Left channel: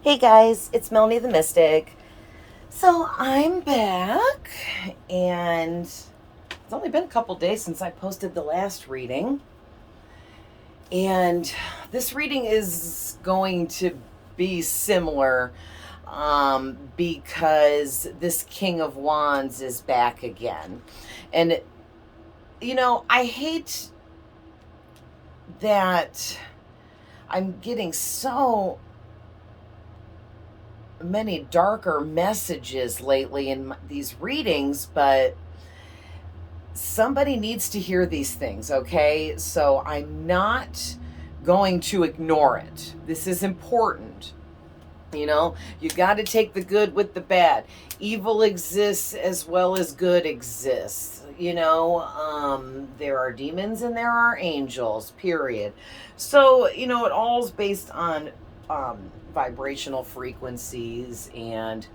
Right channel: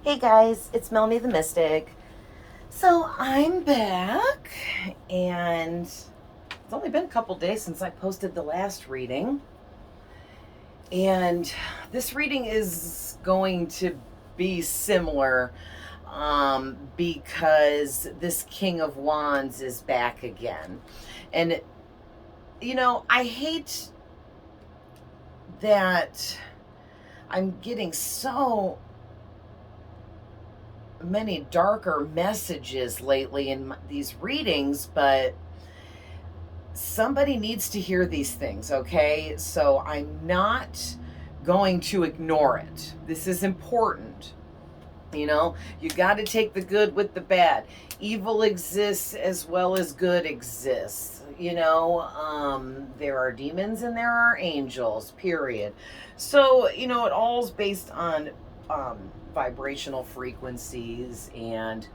Hey guys, it's Melanie the Mystic. So I'm back, and it's only been a couple days since I posted the last reading. And this reading is going to be similar because this King of Wands is back again. And, I hate that I'm getting so many darker messages lately in these readings, but somebody needs to hear these things, okay? So I'm not going to ignore it. This is important. You got to take the good with the bad. Evil exists as well as good exists. There are demons and there are angels, period. So, it all is based on vibrational frequencies, and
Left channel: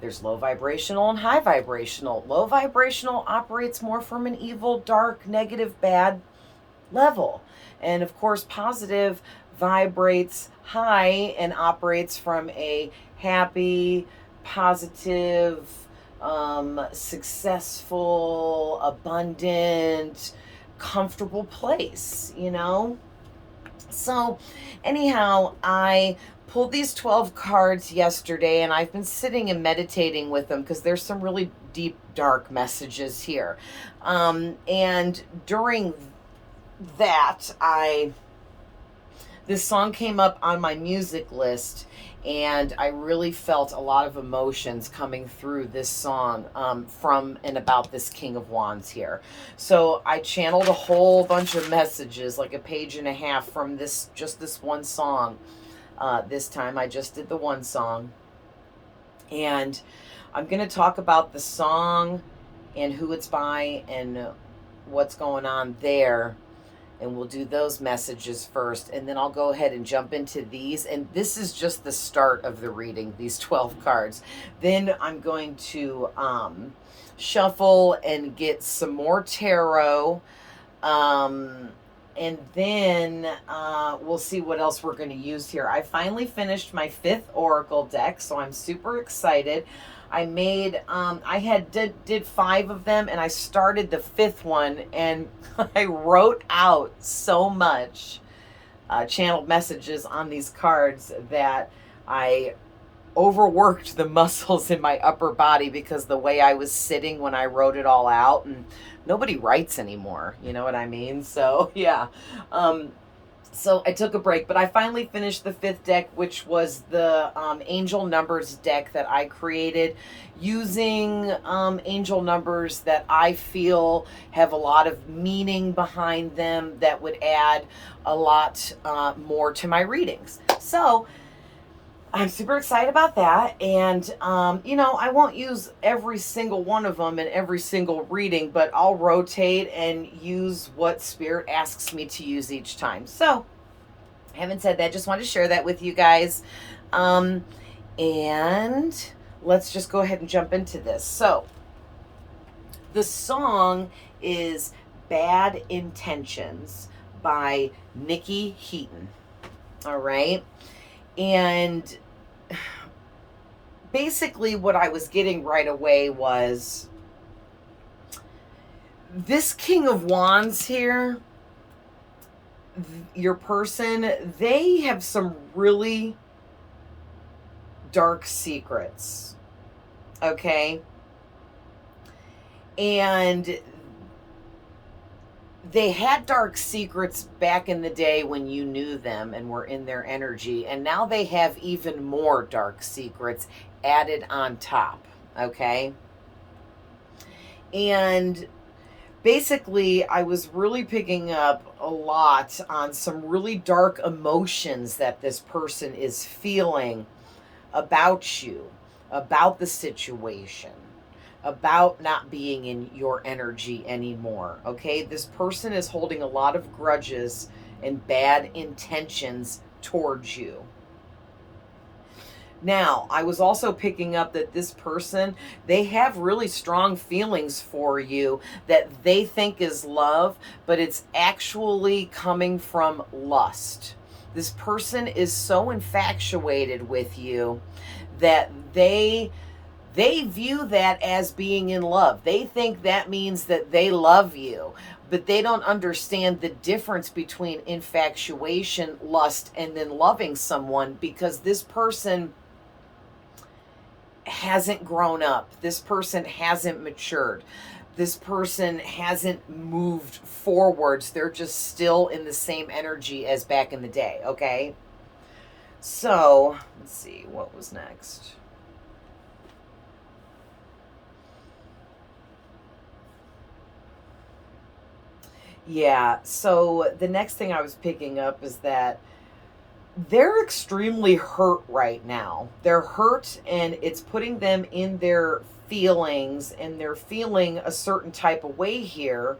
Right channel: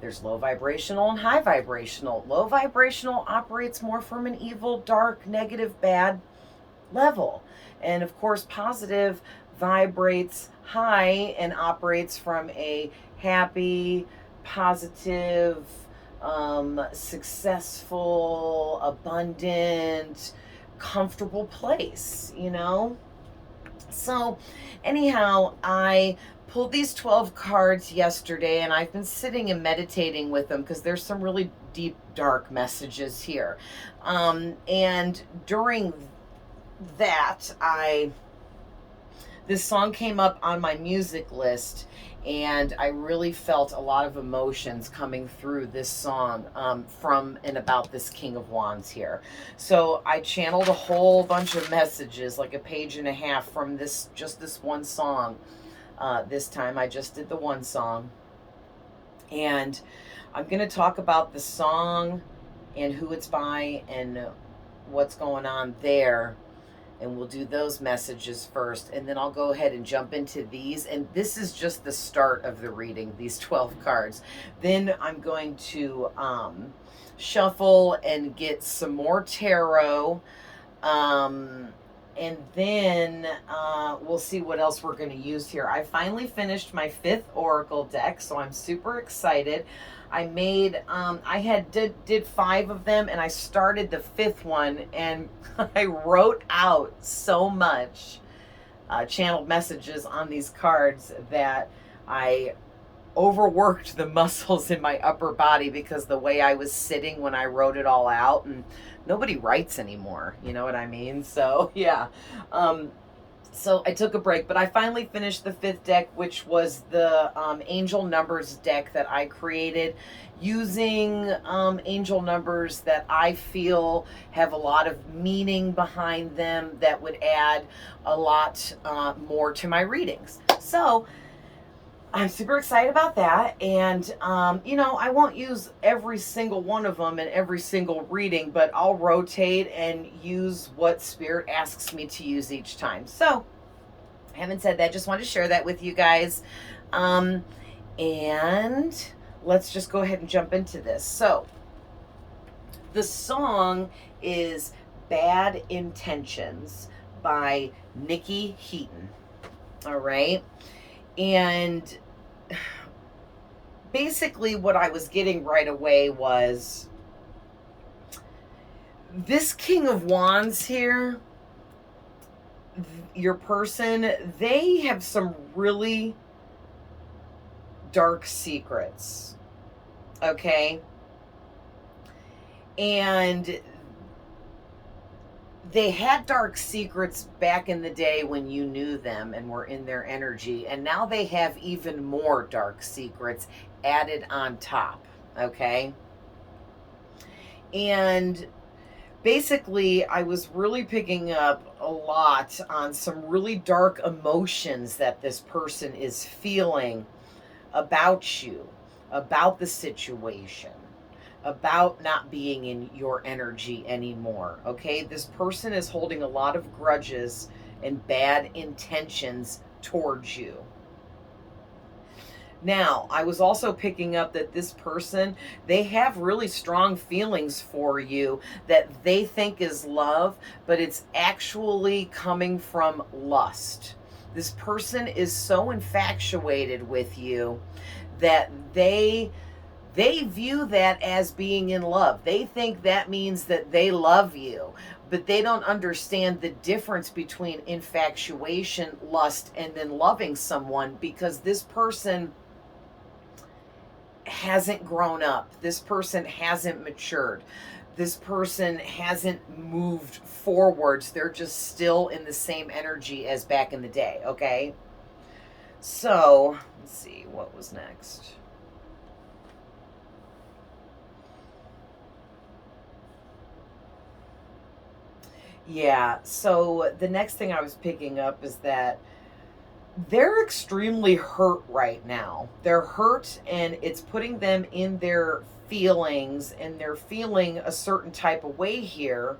there's low vibrational and high vibrational. Low vibrational operates more from an evil, dark, negative, bad level. And of course, positive vibrates high and operates from a happy, positive, successful, abundant, comfortable place. So, anyhow, I pulled these 12 cards yesterday, and I've been sitting and meditating with them because there's some really deep, dark messages here. And during that, this song came up on my music list, and I really felt a lot of emotions coming through this song from and about this King of Wands here. So I channeled a whole bunch of messages, like a page and a half, from this one song. This time I just did the one song, and I'm going to talk about the song and who it's by and what's going on there, and we'll do those messages first, and then I'll go ahead and jump into these. And this is just the start of the reading, these 12 cards. Then I'm going to shuffle and get some more tarot, and then we'll see what else we're going to use here. I finally finished my 5th oracle deck, so I'm super excited. I made did 5 of them, and I started the 5th one, and I wrote out so much channeled messages on these cards that I overworked the muscles in my upper body because the way I was sitting when I wrote it all out, and nobody writes anymore, you know what I mean? So yeah. So I took a break, but I finally finished the 5th deck, which was the angel numbers deck that I created using angel numbers that I feel have a lot of meaning behind them that would add a lot more to my readings. So I'm super excited about that. And, I won't use every single one of them in every single reading, but I'll rotate and use what Spirit asks me to use each time. So, having said that, just wanted to share that with you guys. And let's just go ahead and jump into this. So, the song is Bad Intentions by Nikki Heaton. All right. And basically what I was getting right away was this King of Wands here, your person, they have some really dark secrets, okay? And they had dark secrets back in the day when you knew them and were in their energy, and now they have even more dark secrets added on top, okay? And basically, I was really picking up a lot on some really dark emotions that this person is feeling about you, about the situation, about not being in your energy anymore, okay? This person is holding a lot of grudges and bad intentions towards you. Now, I was also picking up that this person, they have really strong feelings for you that they think is love, but it's actually coming from lust, This person is so infatuated with you that they view that as being in love. They think that means that they love you, but they don't understand the difference between infatuation, lust, and then loving someone, because this person hasn't grown up. This person hasn't matured. This person hasn't moved forwards. They're just still in the same energy as back in the day, okay? So, let's see, what was next? Yeah, so the next thing I was picking up is that they're extremely hurt right now. They're hurt, and it's putting them in their feelings, and they're feeling a certain type of way here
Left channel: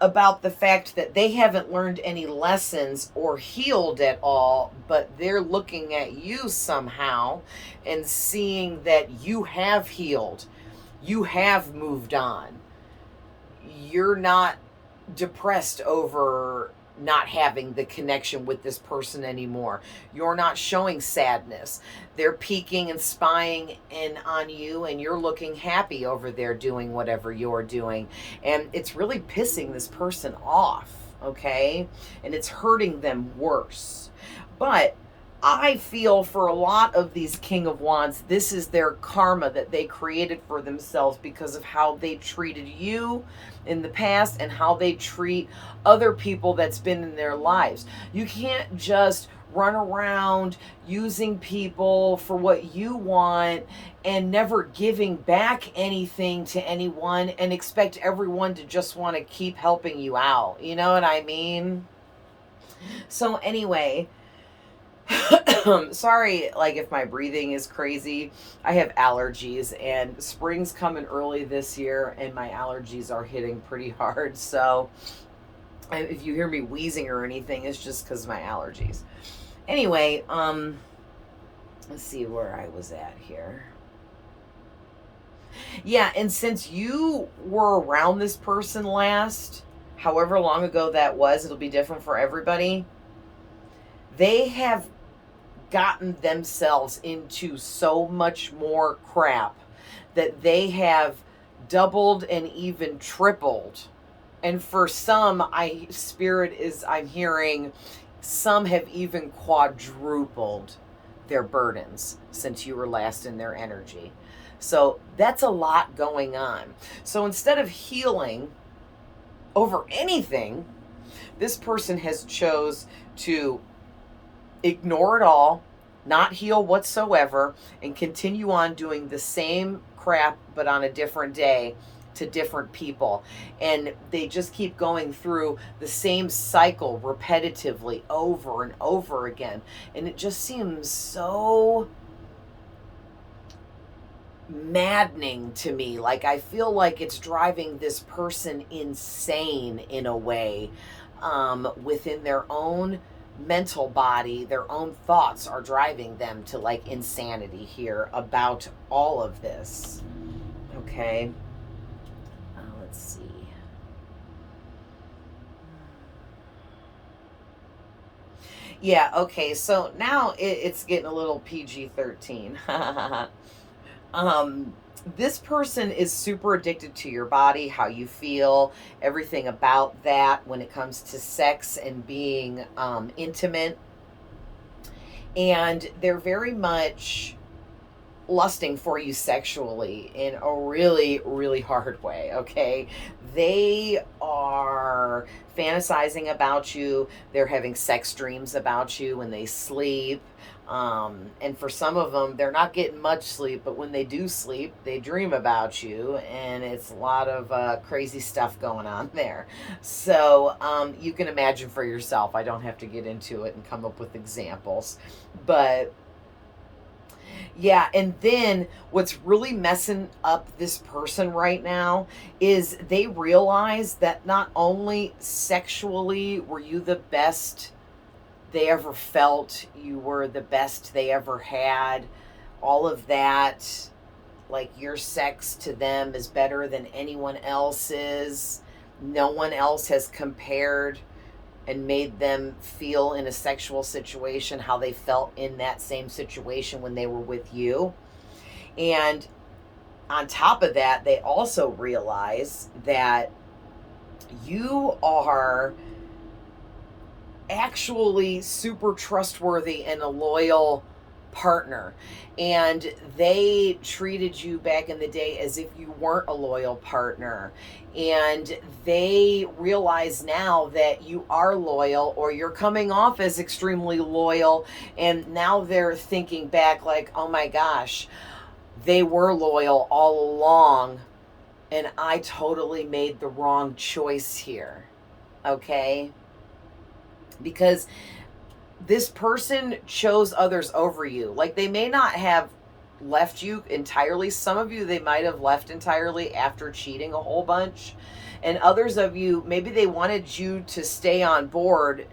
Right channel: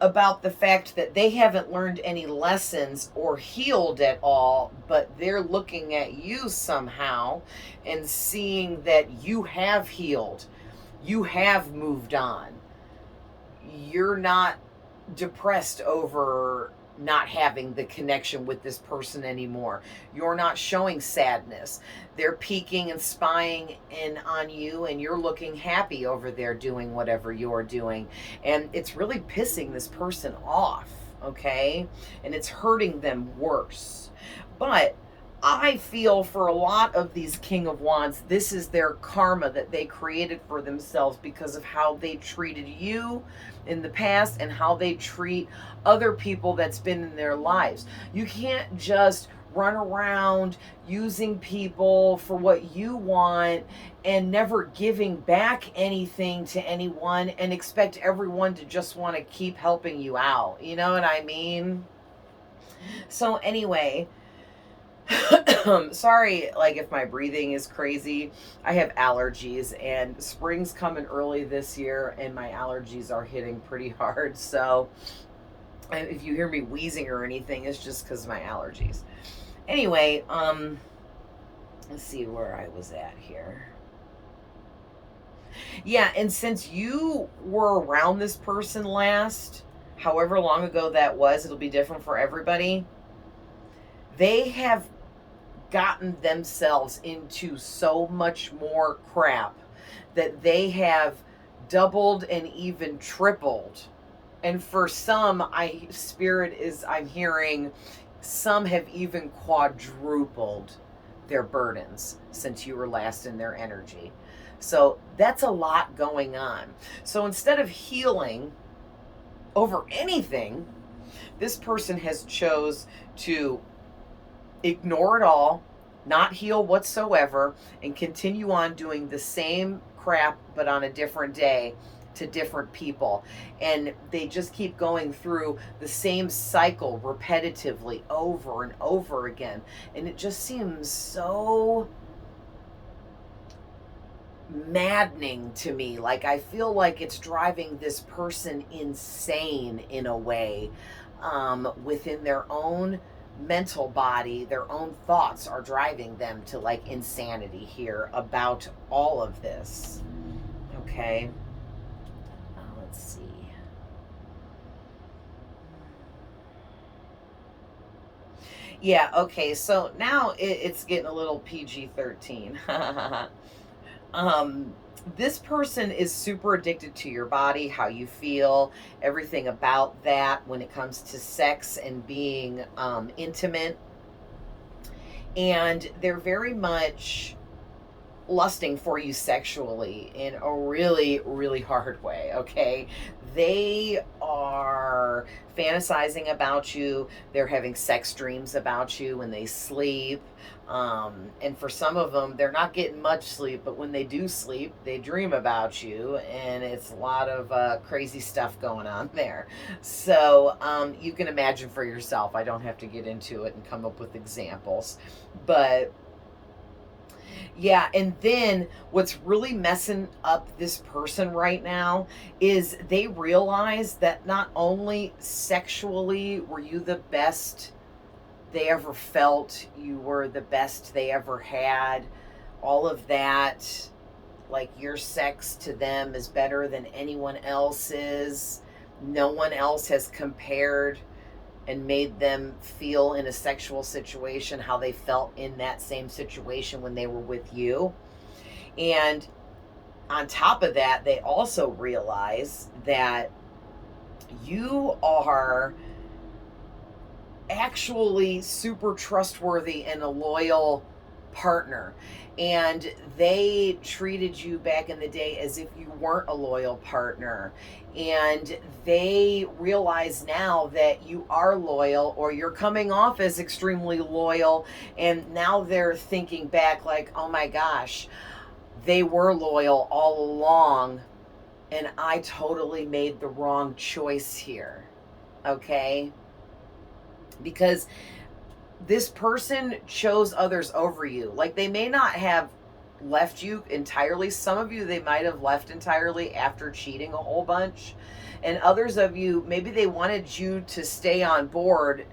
about the fact that they haven't learned any lessons or healed at all, but they're looking at you somehow and seeing that you have healed, you have moved on. You're not depressed over not having the connection with this person anymore. You're not showing sadness. They're peeking and spying in on you, and you're looking happy over there doing whatever you're doing. And it's really pissing this person off, okay? And it's hurting them worse. But I feel for a lot of these King of Wands, this is their karma that they created for themselves because of how they treated you in the past and how they treat other people that's been in their lives. You can't just run around using people for what you want and never giving back anything to anyone and expect everyone to just want to keep helping you out. You know what I mean? So anyway, sorry, like if my breathing is crazy. I have allergies, and spring's coming early this year, and my allergies are hitting pretty hard. So if you hear me wheezing or anything, it's just because of my allergies. Anyway, let's see where I was at here. Yeah, and since you were around this person last, however long ago that was, it'll be different for everybody. They have gotten themselves into so much more crap that they have doubled and even tripled. And for some, I'm hearing some have even quadrupled their burdens since you were last in their energy. So that's a lot going on. So instead of healing over anything, this person has chose to ignore it all, not heal whatsoever, and continue on doing the same crap but on a different day to different people. And they just keep going through the same cycle repetitively over and over again. And it just seems so maddening to me. Like, I feel like it's driving this person insane in a way, within their own mental body. Their own thoughts are driving them to like insanity here about all of this. Okay, let's see. Yeah, okay, so now it's getting a little PG-13. This person is super addicted to your body, how you feel, everything about that when it comes to sex and being intimate. And they're very much lusting for you sexually in a really, really hard way, okay? They are fantasizing about you. They're having sex dreams about you when they sleep. And for some of them, they're not getting much sleep, but when they do sleep, they dream about you, and it's a lot of crazy stuff going on there. So you can imagine for yourself. I don't have to get into it and come up with examples. But yeah, and then what's really messing up this person right now is they realize that not only sexually were you the best they ever felt, you were the best they ever had, all of that, like your sex to them is better than anyone else's. No one else has compared and made them feel in a sexual situation how they felt in that same situation when they were with you. And on top of that, they also realize that you are actually super trustworthy and a loyal partner, and they treated you back in the day as if you weren't a loyal partner, and they realize now that you are loyal, or you're coming off as extremely loyal, and now they're thinking back like, oh my gosh, they were loyal all along and I totally made the wrong choice here. Okay? Because this person chose others over you. Like, they may not have left you entirely. Some of you, they might have left entirely after cheating a whole bunch. And others of you, maybe they wanted you to stay on board,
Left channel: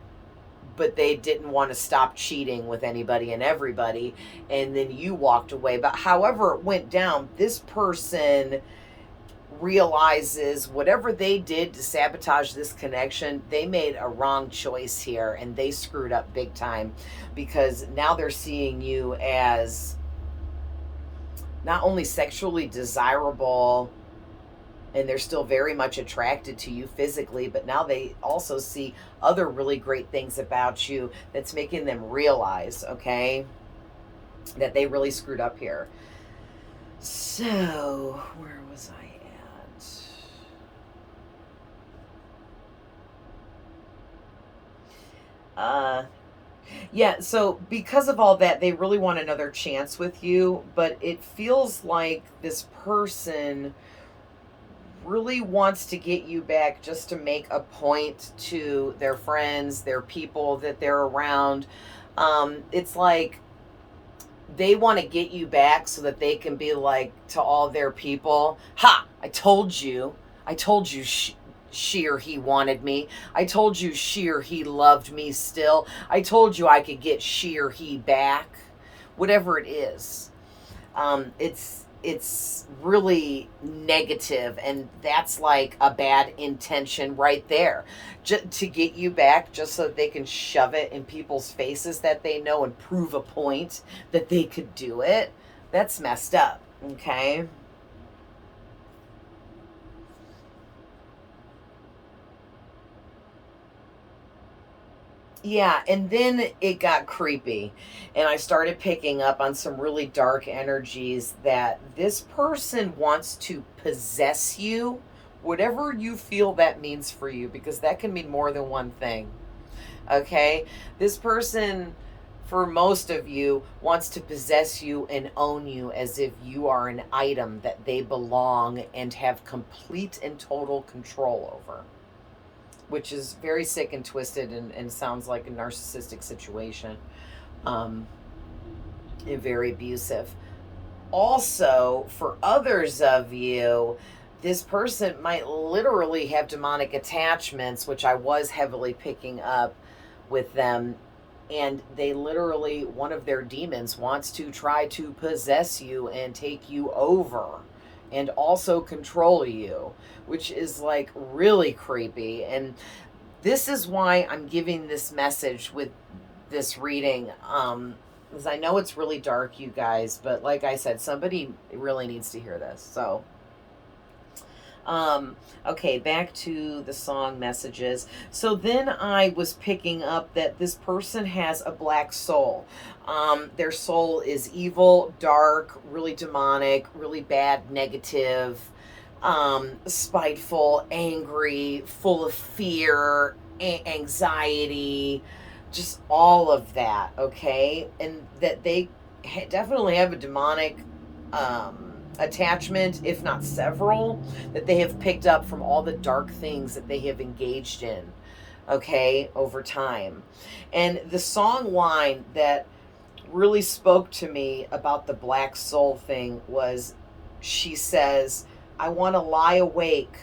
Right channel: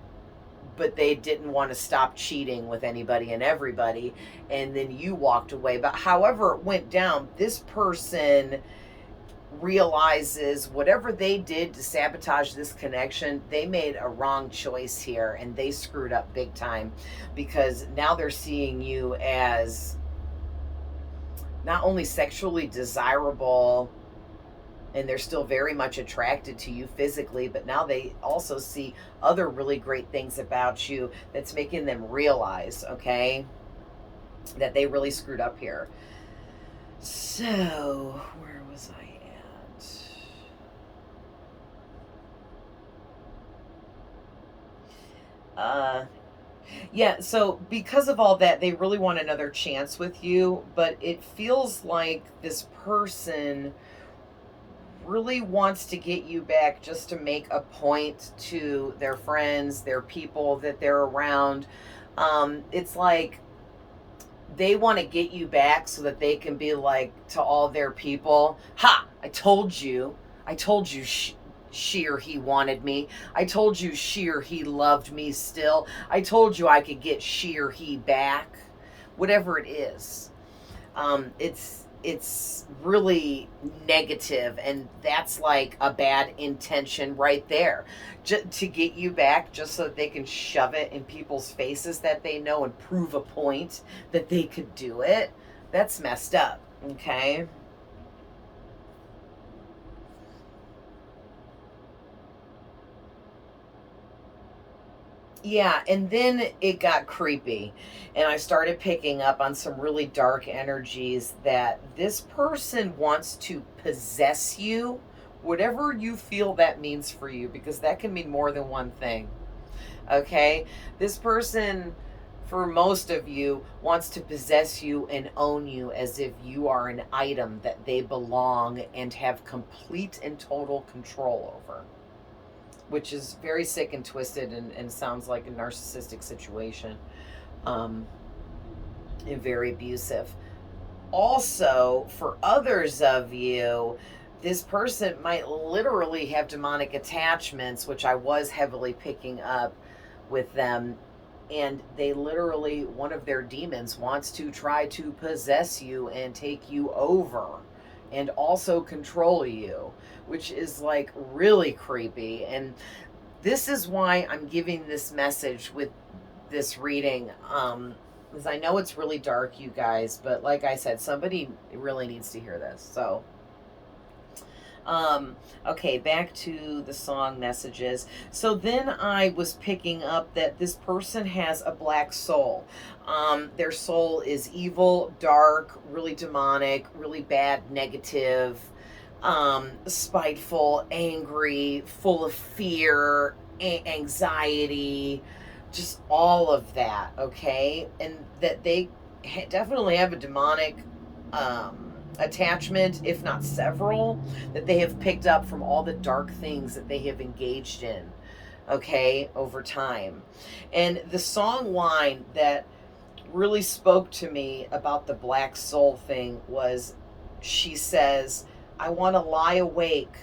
but they didn't want to stop cheating with anybody and everybody. And then you walked away. But however it went down, this person realizes whatever they did to sabotage this connection, they made a wrong choice here, and they screwed up big time, because now they're seeing you as not only sexually desirable, and they're still very much attracted to you physically, but now they also see other really great things about you that's making them realize, okay, that they really screwed up here. So, where was I at? Yeah, so because of all that, they really want another chance with you, but it feels like this person really wants to get you back just to make a point to their friends, their people that they're around. It's like they want to get you back so that they can be like to all their people, ha, I told you she or he wanted me. I told you she or he loved me still. I told you I could get she or he back. Whatever it is. It's really negative, and that's like a bad intention right there. To get you back just so that they can shove it in people's faces that they know and prove a point that they could do it. That's messed up, okay? Yeah, and then it got creepy, and I started picking up on some really dark energies that this person wants to possess you, whatever you feel that means for you, because that can mean more than one thing. Okay? This person, for most of you, wants to possess you and own you as if you are an item that they belong and have complete and total control over, which is very sick and twisted, and sounds like a narcissistic situation, and very abusive. Also, for others of you, this person might literally have demonic attachments, which I was heavily picking up with them. And they literally, one of their demons wants to try to possess you and take you over and also control you, which is like really creepy. And this is why I'm giving this message with this reading, because I know it's really dark, you guys, but like I said, somebody really needs to hear this. So okay, back to the song messages. So then I was picking up that this person has a black soul. Their soul is evil, dark, really demonic, really bad, negative, spiteful, angry, full of fear, anxiety, just all of that, okay? And that they definitely have a demonic attachment, if not several, that they have picked up from all the dark things that they have engaged in, okay, over time. And the song line that really spoke to me about the black soul thing was, she says, I want to lie awake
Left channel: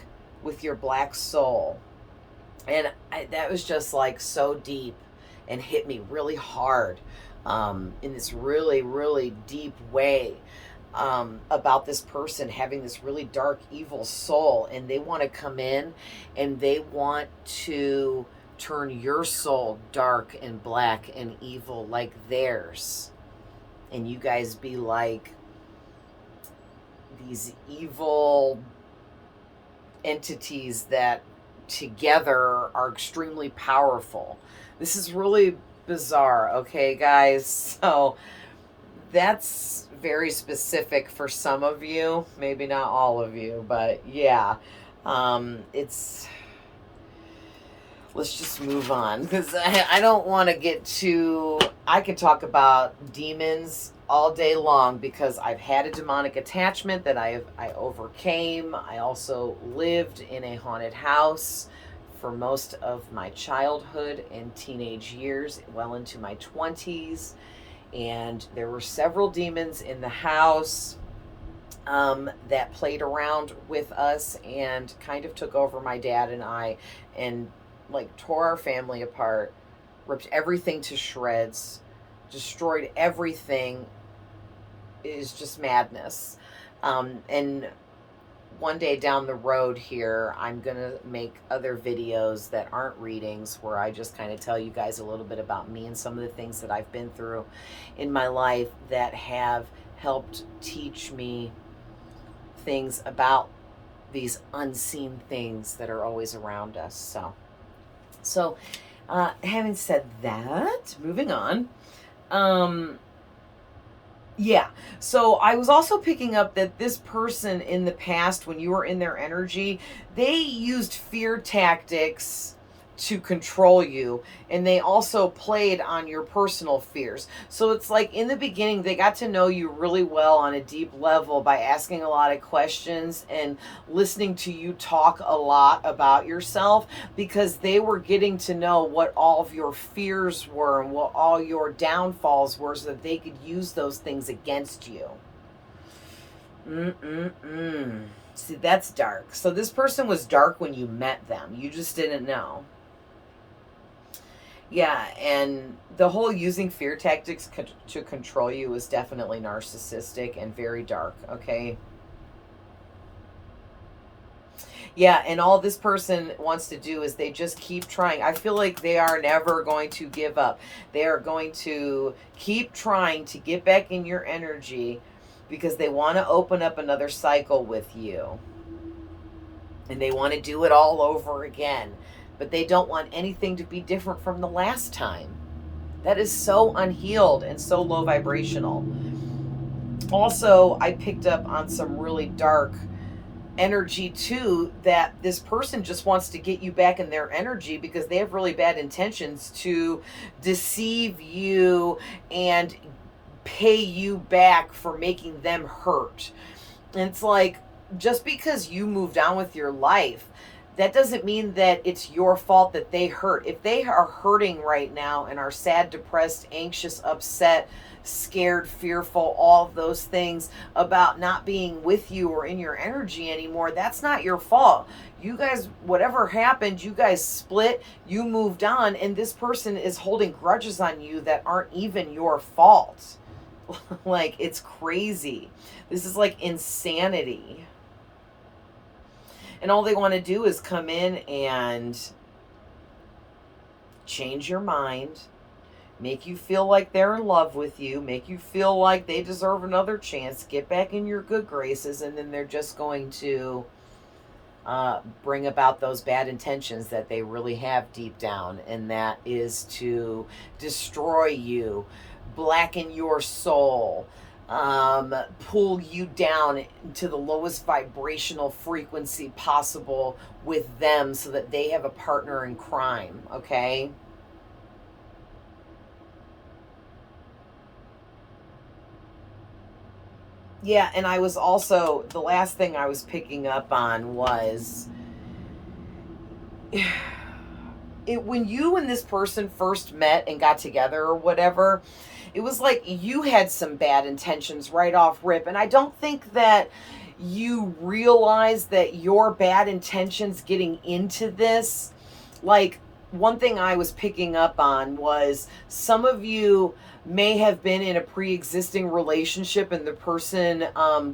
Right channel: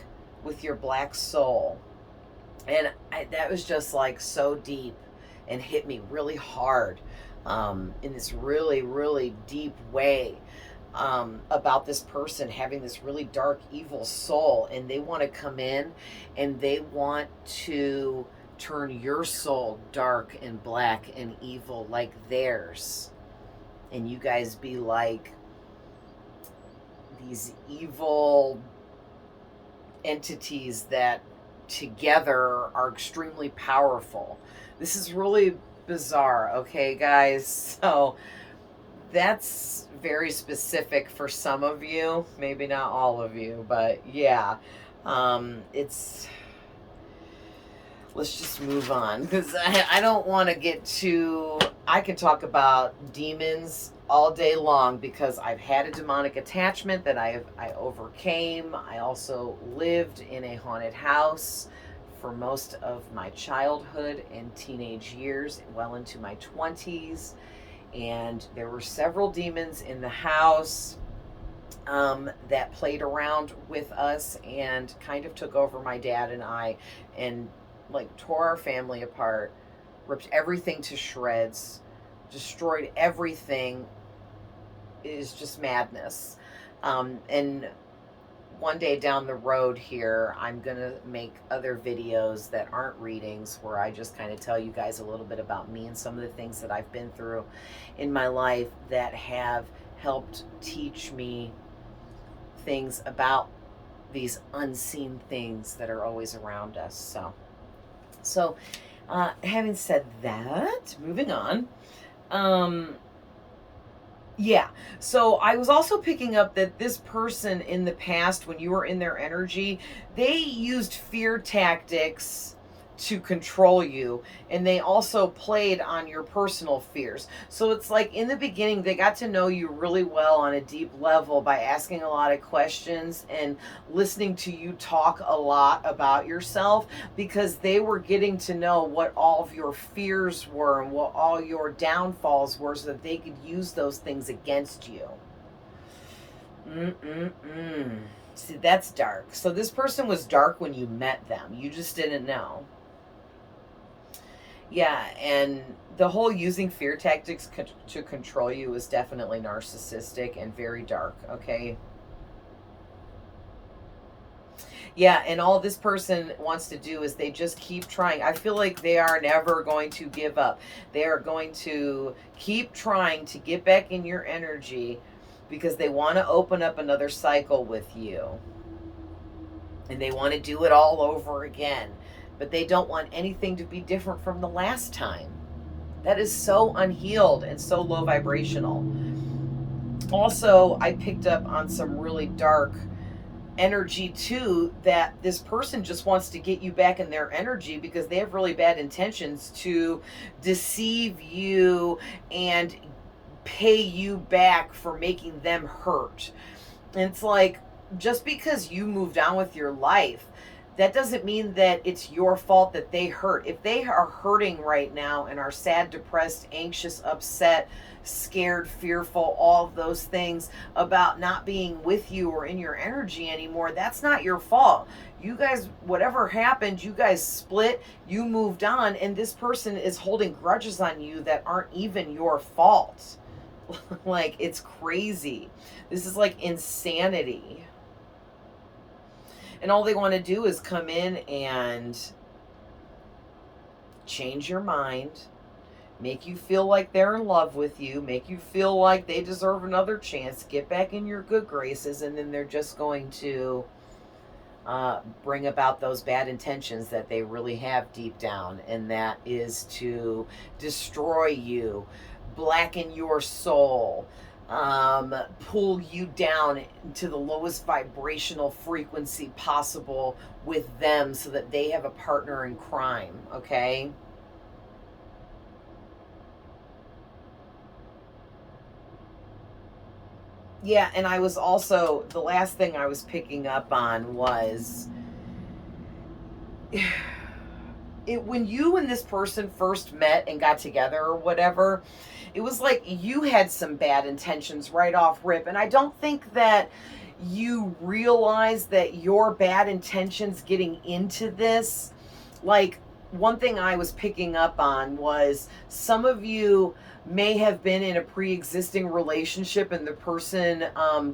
with your black soul. And that was just like so deep and hit me really hard, in this really, really deep way, about this person having this really dark, evil soul, and they want to come in and they want to turn your soul dark and black and evil like theirs, and you guys be like these evil entities that together are extremely powerful. This is really bizarre, okay, guys? So that's very specific for some of you, maybe not all of you, but yeah, it's, let's just move on, because I don't want to get too, I could talk about demons all day long, because I've had a demonic attachment that I overcame. I also lived in a haunted house for most of my childhood and teenage years, well into my 20s. And there were several demons in the house that played around with us and kind of took over my dad and I, and like tore our family apart, ripped everything to shreds, destroyed everything. It is just madness. And one day down the road here, I'm going to make other videos that aren't readings, where I just kind of tell you guys a little bit about me and some of the things that I've been through in my life that have helped teach me things about these unseen things that are always around us. So having said that, moving on. Yeah, so I was also picking up that this person in the past, when you were in their energy, they used fear tactics to control you, and they also played on your personal fears. So it's like in the beginning, they got to know you really well on a deep level by asking a lot of questions and listening to you talk a lot about yourself, because they were getting to know what all of your fears were and what all your downfalls were, so that they could use those things against you. See, that's dark. So this person was dark when you met them. You just didn't know. Yeah, and the whole using fear tactics to control you is definitely narcissistic and very dark, okay? Yeah, and all this person wants to do is they just keep trying. I feel like they are never going to give up. They are going to keep trying to get back in your energy, because they want to open up another cycle with you. And they want to do it all over again. But they don't want anything to be different from the last time. That is so unhealed and so low vibrational. Also, I picked up on some really dark energy too, that this person just wants to get you back in their energy, because they have really bad intentions to deceive you and pay you back for making them hurt. And it's like, just because you moved on with your life, that doesn't mean that it's your fault that they hurt. If they are hurting right now and are sad, depressed, anxious, upset, scared, fearful, all of those things about not being with you or in your energy anymore, that's not your fault. You guys, whatever happened, you guys split, you moved on, and this person is holding grudges on you that aren't even your fault. Like, it's crazy. This is like insanity. And all they want to do is come in and change your mind, make you feel like they're in love with you, make you feel like they deserve another chance, get back in your good graces, and then they're just going to bring about those bad intentions that they really have deep down, and that is to destroy you, blacken your soul, pull you down to the lowest vibrational frequency possible with them, so that they have a partner in crime, okay? Yeah, and I was also, the last thing I was picking up on was, when you and this person first met and got together or whatever, it was like you had some bad intentions right off rip. And I don't think that you realize that your bad intentions getting into this, like, one thing I was picking up on was some of you may have been in a pre-existing relationship, and the person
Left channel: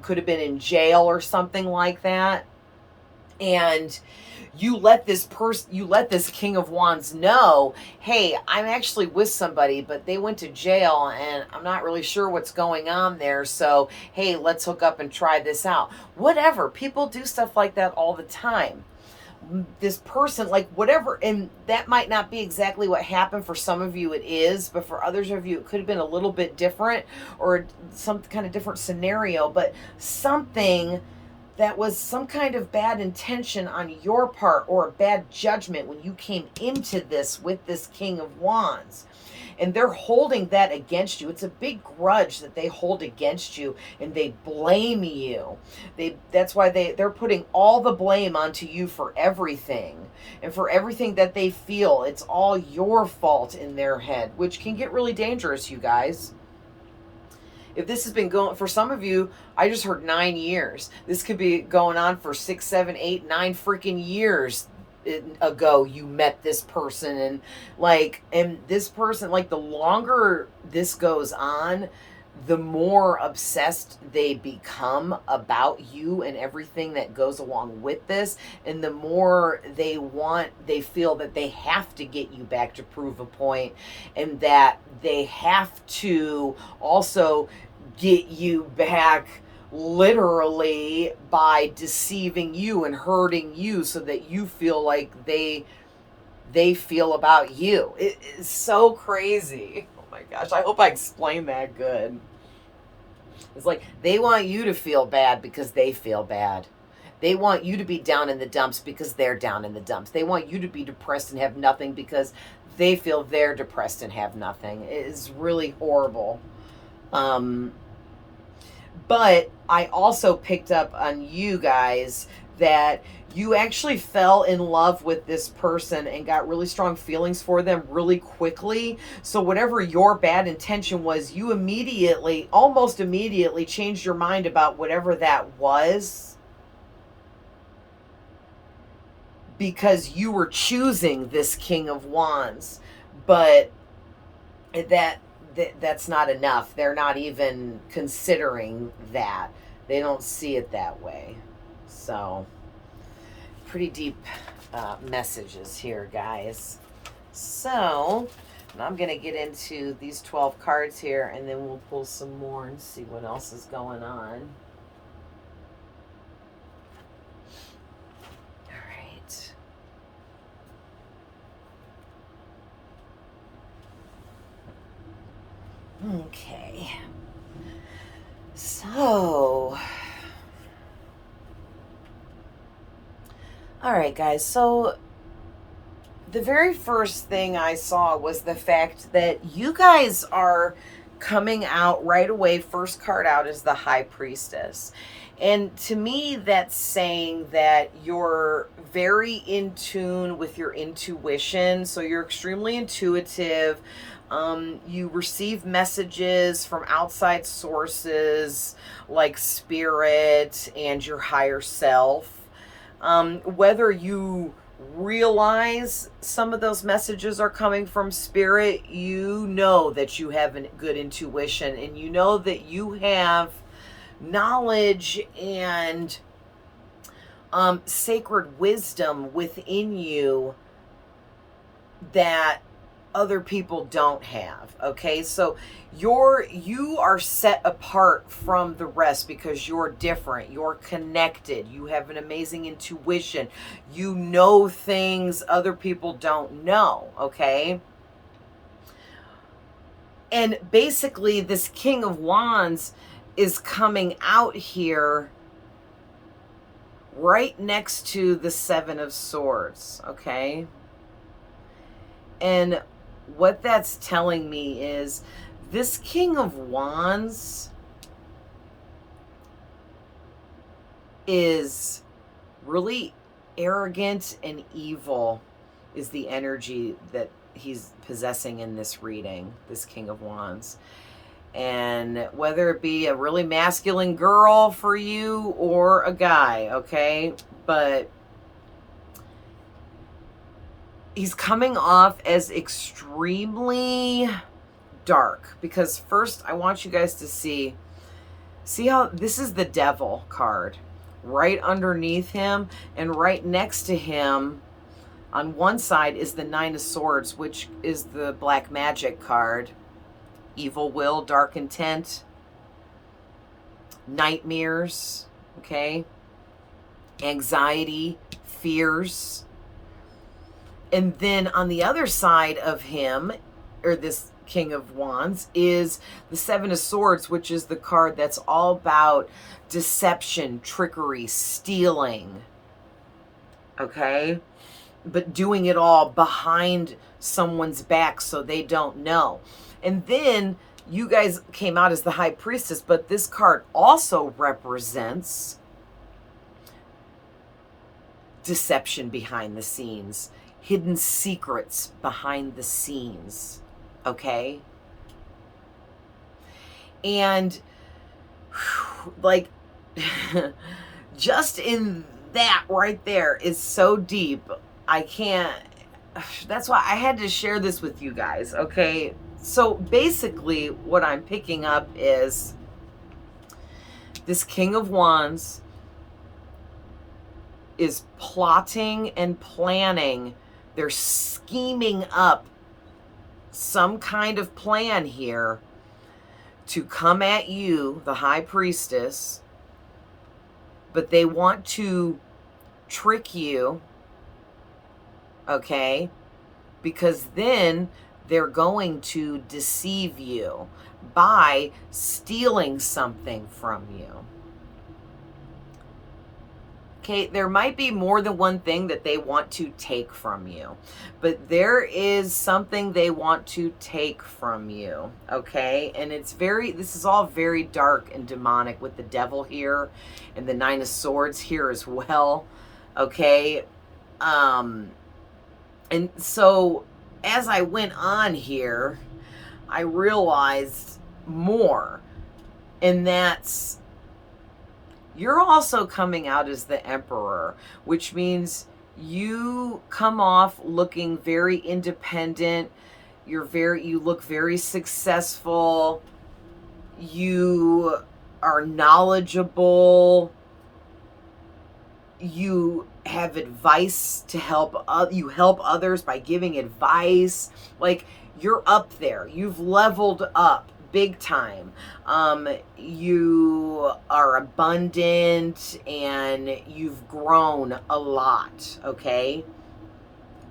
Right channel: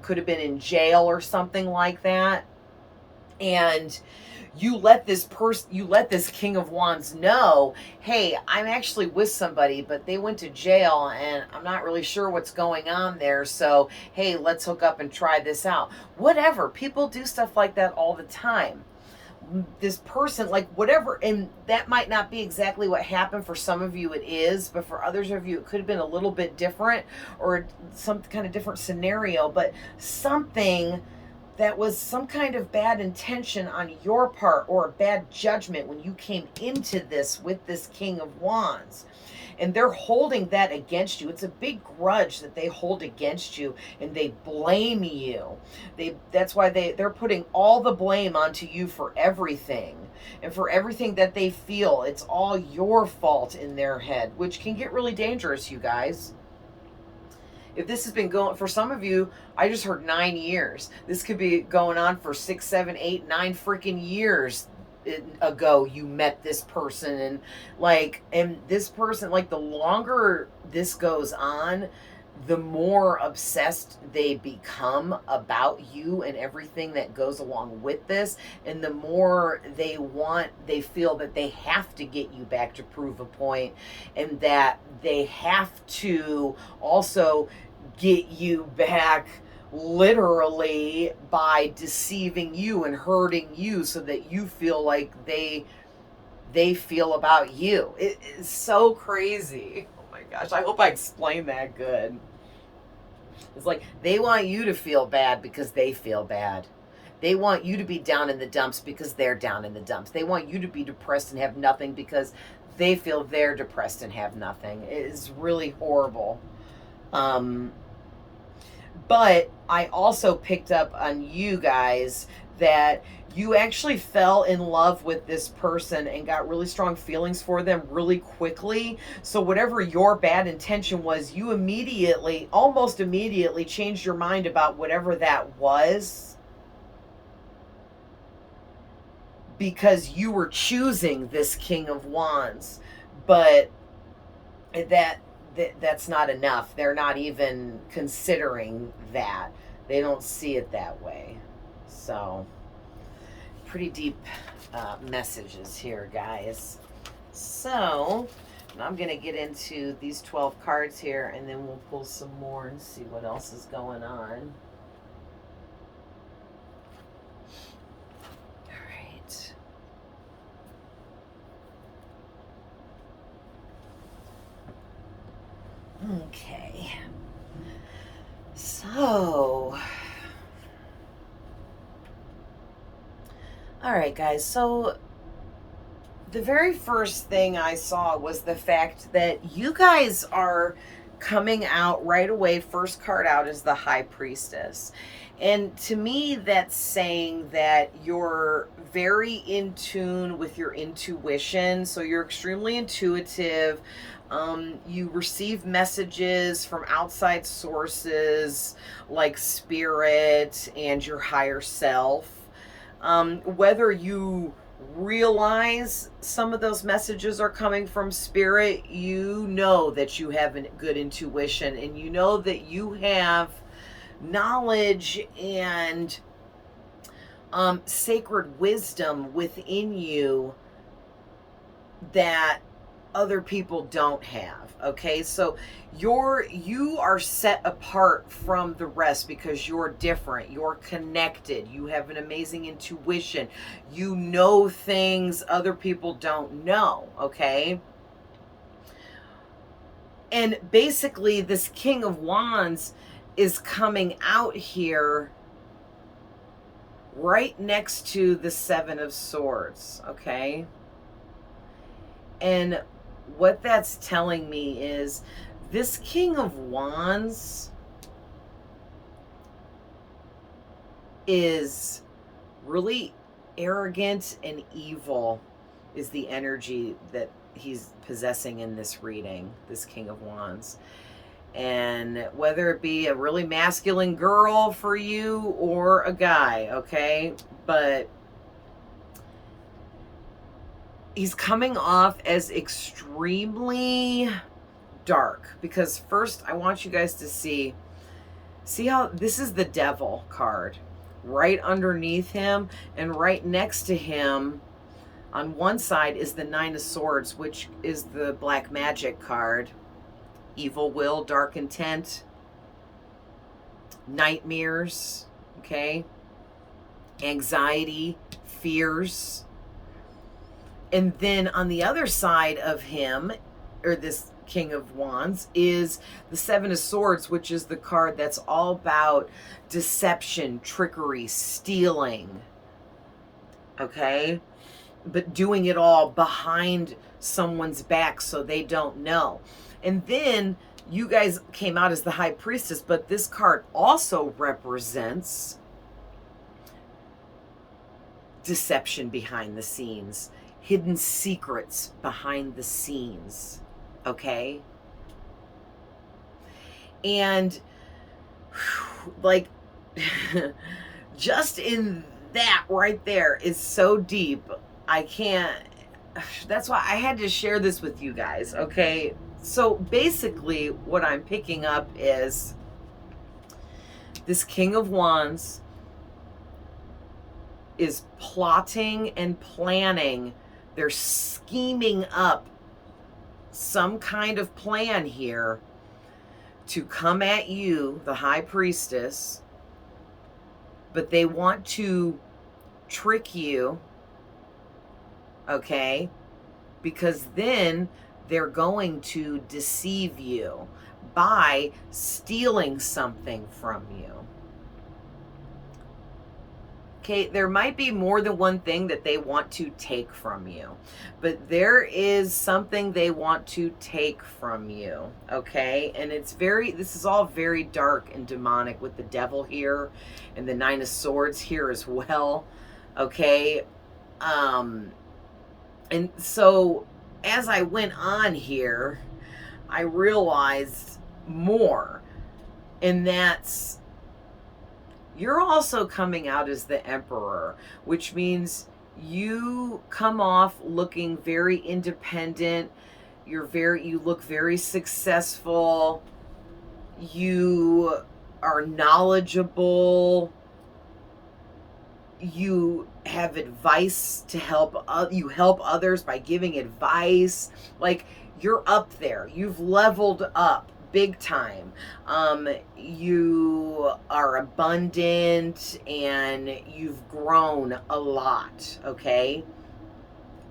could have been in jail or something like that. And you let this King of Wands know, hey, I'm actually with somebody, but they went to jail and I'm not really sure what's going on there. So, hey, let's hook up and try this out. Whatever. People do stuff like that all the time. This person, like whatever, and that might not be exactly what happened. For some of you it is, but for others of you it could have been a little bit different, or some kind of different scenario, but something that was some kind of bad intention on your part, or a bad judgment when you came into this with this King of Wands. And they're holding that against you. It's a big grudge that they hold against you, and they blame you. That's why they're putting all the blame onto you for everything. And for everything that they feel, it's all your fault in their head, which can get really dangerous, you guys. If this has been going, for some of you, I just heard 9 years. This could be going on for 6, 7, 8, 9 freaking years ago you met this person. And this person, like, the longer this goes on, the more obsessed they become about you and everything that goes along with this, and the more they feel that they have to get you back to prove a point, and that they have to also get you back literally by deceiving you and hurting you, so that you feel like they feel about you. It is so crazy. Oh my gosh, I hope I explained that good. It's like they want you to feel bad because they feel bad. They want you to be down in the dumps because they're down in the dumps. They want you to be depressed and have nothing because they feel they're depressed and have nothing. It is really horrible. But I also picked up on you guys that you actually fell in love with this person and got really strong feelings for them really quickly. So whatever your bad intention was, you almost immediately changed your mind about whatever that was, because you were choosing this King of Wands. But that's not enough. They're not even considering that. They don't see it that way. So, pretty deep messages here, guys. So, I'm going to get into these 12 cards here, and then we'll pull some more and see what else is going on. Okay, so, all right, guys, so the very first thing I saw was the fact that you guys are coming out right away. First card out is the High Priestess. And to me, that's saying that you're very in tune with your intuition. So you're extremely intuitive. You receive messages from outside sources like spirit and your higher self. Whether you realize some of those messages are coming from spirit, you know that you have a good intuition, and you know that you have knowledge and sacred wisdom within you that other people don't have. Okay, so you are set apart from the rest because you're different, you're connected, you have an amazing intuition, you know things other people don't know. Okay, and basically this King of Wands is coming out here right next to the Seven of Swords. Okay, and what that's telling me is this King of Wands is really arrogant and evil, is the energy that he's possessing in this reading, this King of Wands. And whether it be a really masculine girl for you or a guy, okay, but he's coming off as extremely dark. Because first I want you guys to see how this is the Devil card, right underneath him, and right next to him on one side is the Nine of Swords, which is the black magic card. Evil will, dark intent, nightmares, okay? Anxiety, fears. And then on the other side of him, or this King of Wands, is the Seven of Swords, which is the card that's all about deception, trickery, stealing, okay? But doing it all behind someone's back so they don't know. And then you guys came out as the High Priestess, but this card also represents deception behind the scenes, hidden secrets behind the scenes, okay? And like just in that right there is so deep. I can't, that's why I had to share this with you guys, okay? So basically what I'm picking up is this King of Wands is plotting and planning. They're scheming up some kind of plan here to come at you, the High Priestess, but they want to trick you, okay? Because then they're going to deceive you by stealing something from you. Okay, there might be more than one thing that they want to take from you, but there is something they want to take from you, okay? And it's this is all very dark and demonic with the devil here and the Nine of Swords here as well, okay? And so as I went on here, I realized more, and that's you're also coming out as the Emperor, which means you come off looking very independent. You look very successful. You are knowledgeable. You have advice to help. You help others by giving advice. Like, you're up there. You've leveled up big time. You are abundant and you've grown a lot, okay?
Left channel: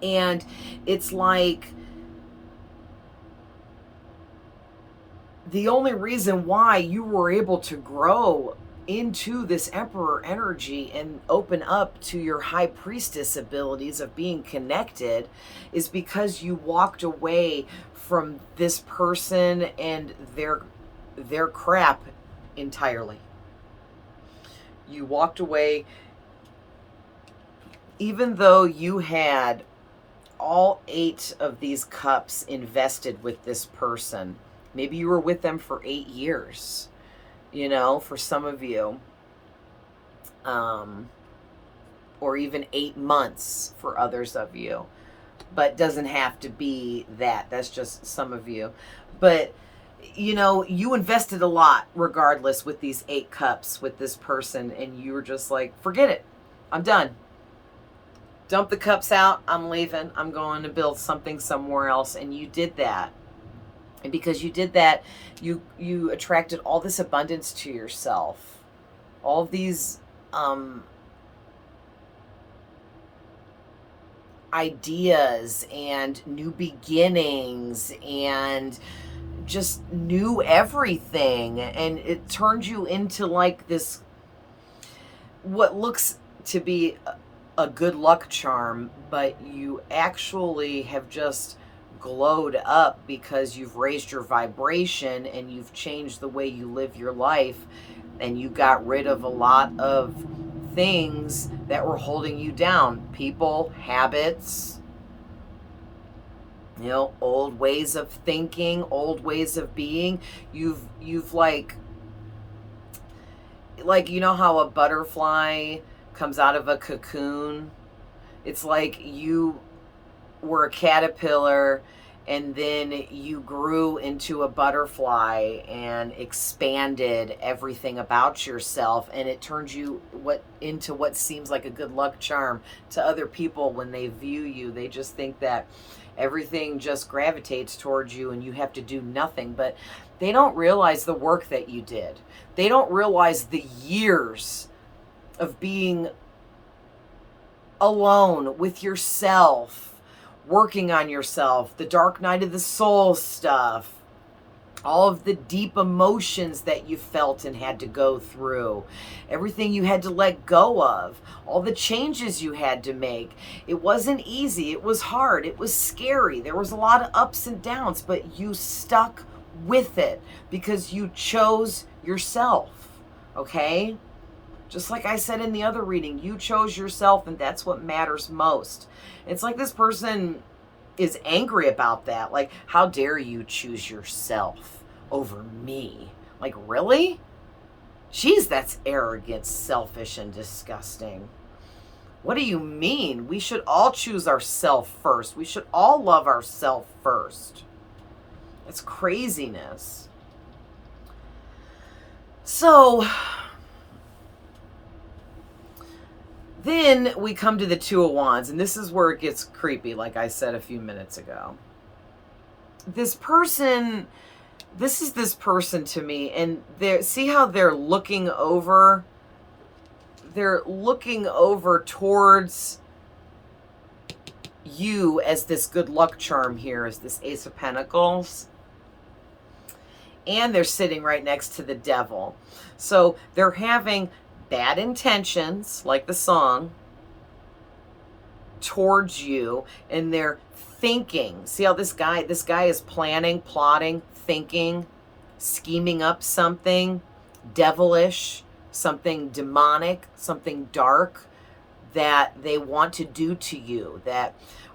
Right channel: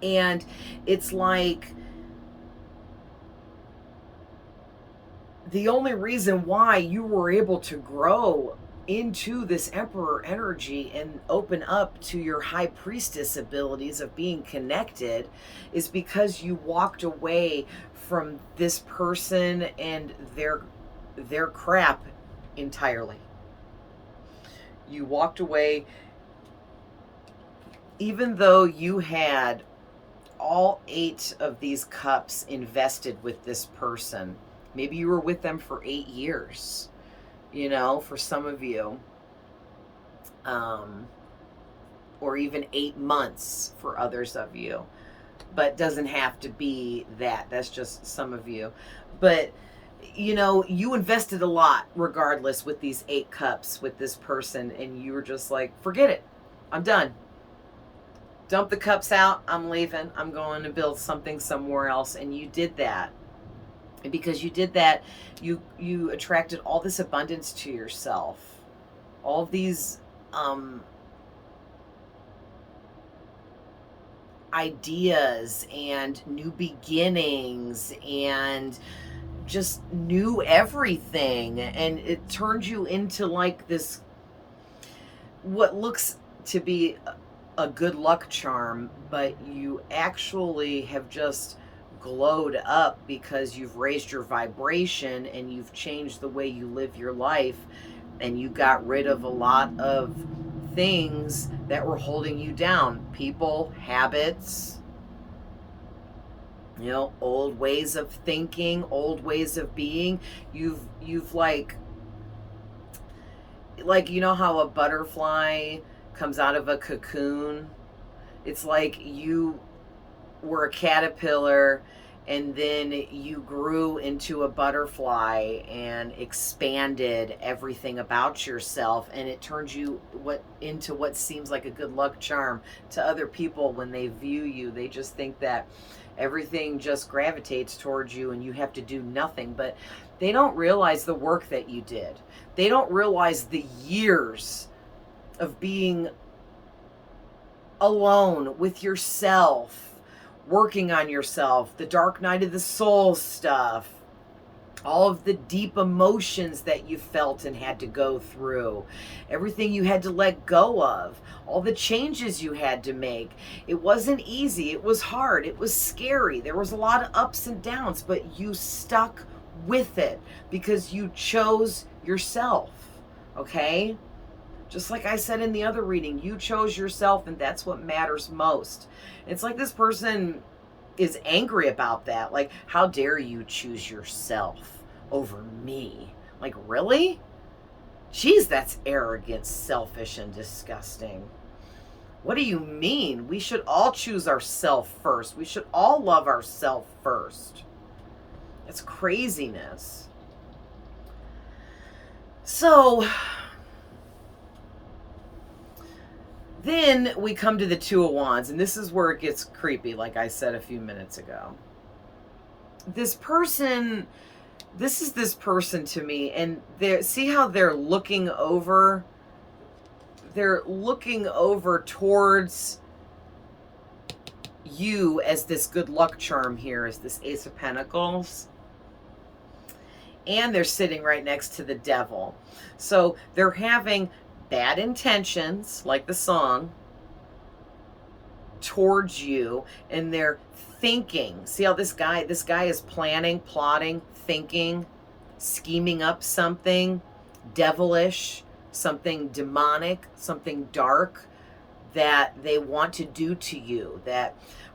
And it's like the only reason why you were able to grow into this Emperor energy and open up to your High Priestess abilities of being connected is because you walked away from this person and their crap entirely. You walked away even though you had all 8 of these cups invested with this person. Maybe you were with them for 8 years, you know, for some of you, or even 8 months for others of you. But doesn't have to be that. That's just some of you. But, you know, you invested a lot regardless with these 8 cups with this person, and you were just like, forget it. I'm done. Dump the cups out. I'm leaving. I'm going to build something somewhere else. And you did that. And because you did that, you attracted all this abundance to yourself. All these ideas and new beginnings and just new everything, and it turned you into like this, what looks to be a good luck charm, but you actually have just glowed up because you've raised your vibration and you've changed the way you live your life, and you got rid of a lot of things that were holding you down. People, habits, you know, old ways of thinking, old ways of being. You've like, you know how a butterfly comes out of a cocoon? It's like you were a caterpillar and then you grew into a butterfly and expanded everything about yourself, and it turns you into what seems like a good luck charm to other people. When they view you, they just think that everything just gravitates towards you and you have to do nothing. But they don't realize the work that you did. They don't realize the years of being alone with yourself, working on yourself, the dark night of the soul stuff, all of the deep emotions that you felt and had to go through, everything you had to let go of, all the changes you had to make. It wasn't easy. It was hard. It was scary. There was a lot of ups and downs, but you stuck with it because you chose yourself, okay? Just like I said in the other reading, you chose yourself, and that's what matters most. It's like this person is angry about that. Like, how dare you choose yourself over me? Like, really? Jeez, that's arrogant, selfish, and disgusting. What do you mean? We should all choose ourselves first. We should all love ourselves first. It's craziness. So then we come to the Two of Wands, and this is where it gets creepy, like I said a few minutes ago. This is this person to me, and see how they're looking over? They're looking over towards you as this good luck charm here, as this Ace of Pentacles. And they're sitting right next to the Devil. So they're having bad intentions, like the song, towards you, and they're thinking. See how this guy is planning, plotting, thinking, scheming up something devilish, something demonic, something dark that they want to do to you,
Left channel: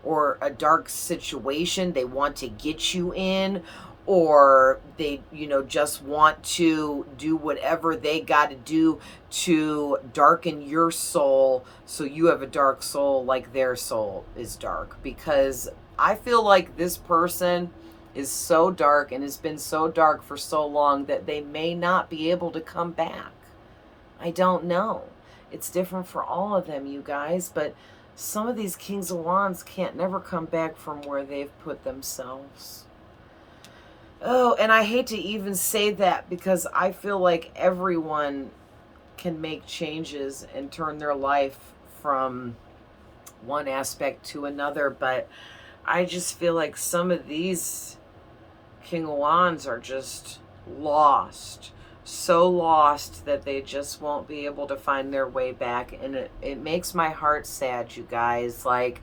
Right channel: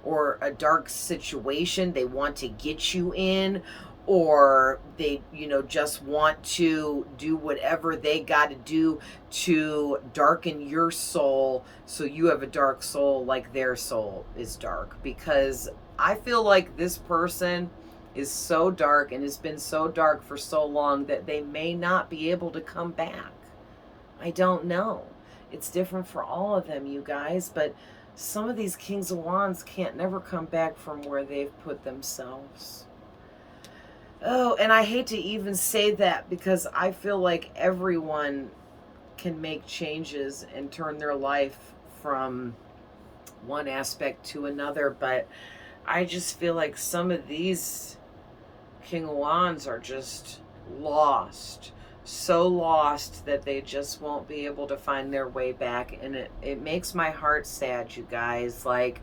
or a dark situation they want to get you in, or they, just want to do whatever they got to do to darken your soul so you have a dark soul like their soul is dark. Because I feel like this person is so dark and has been so dark for so long that they may not be able to come back. I don't know. It's different for all of them, you guys, but some of these Kings of Wands can't never come back from where they've put themselves. Oh, and I hate to even say that, because I feel like everyone can make changes and turn their life from one aspect to another, but I just feel like some of these King of Wands are just lost. So lost that they just won't be able to find their way back. And it makes my heart sad, you guys. Like,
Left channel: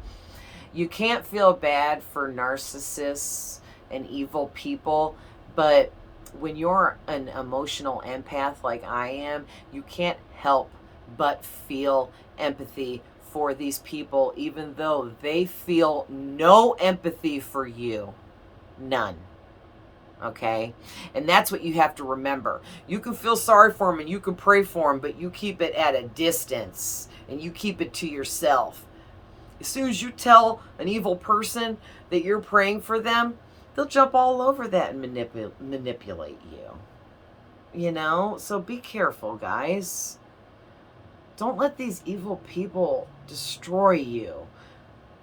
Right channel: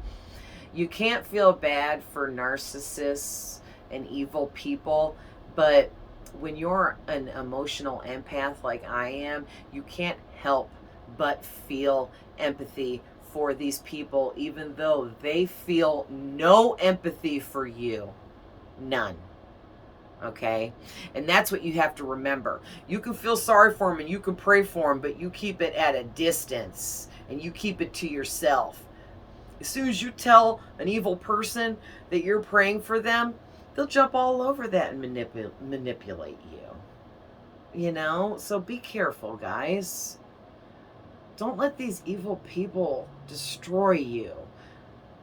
you can't feel bad for narcissists and evil people, but when you're an emotional empath like I am, you can't help but feel empathy for these people, even though they feel no empathy for you. None. Okay? And that's what you have to remember. You can feel sorry for them and you can pray for them, but you keep it at a distance and you keep it to yourself. As soon as you tell an evil person that you're praying for them, they'll jump all over that and manipulate you. So be careful, guys. Don't let these evil people destroy you.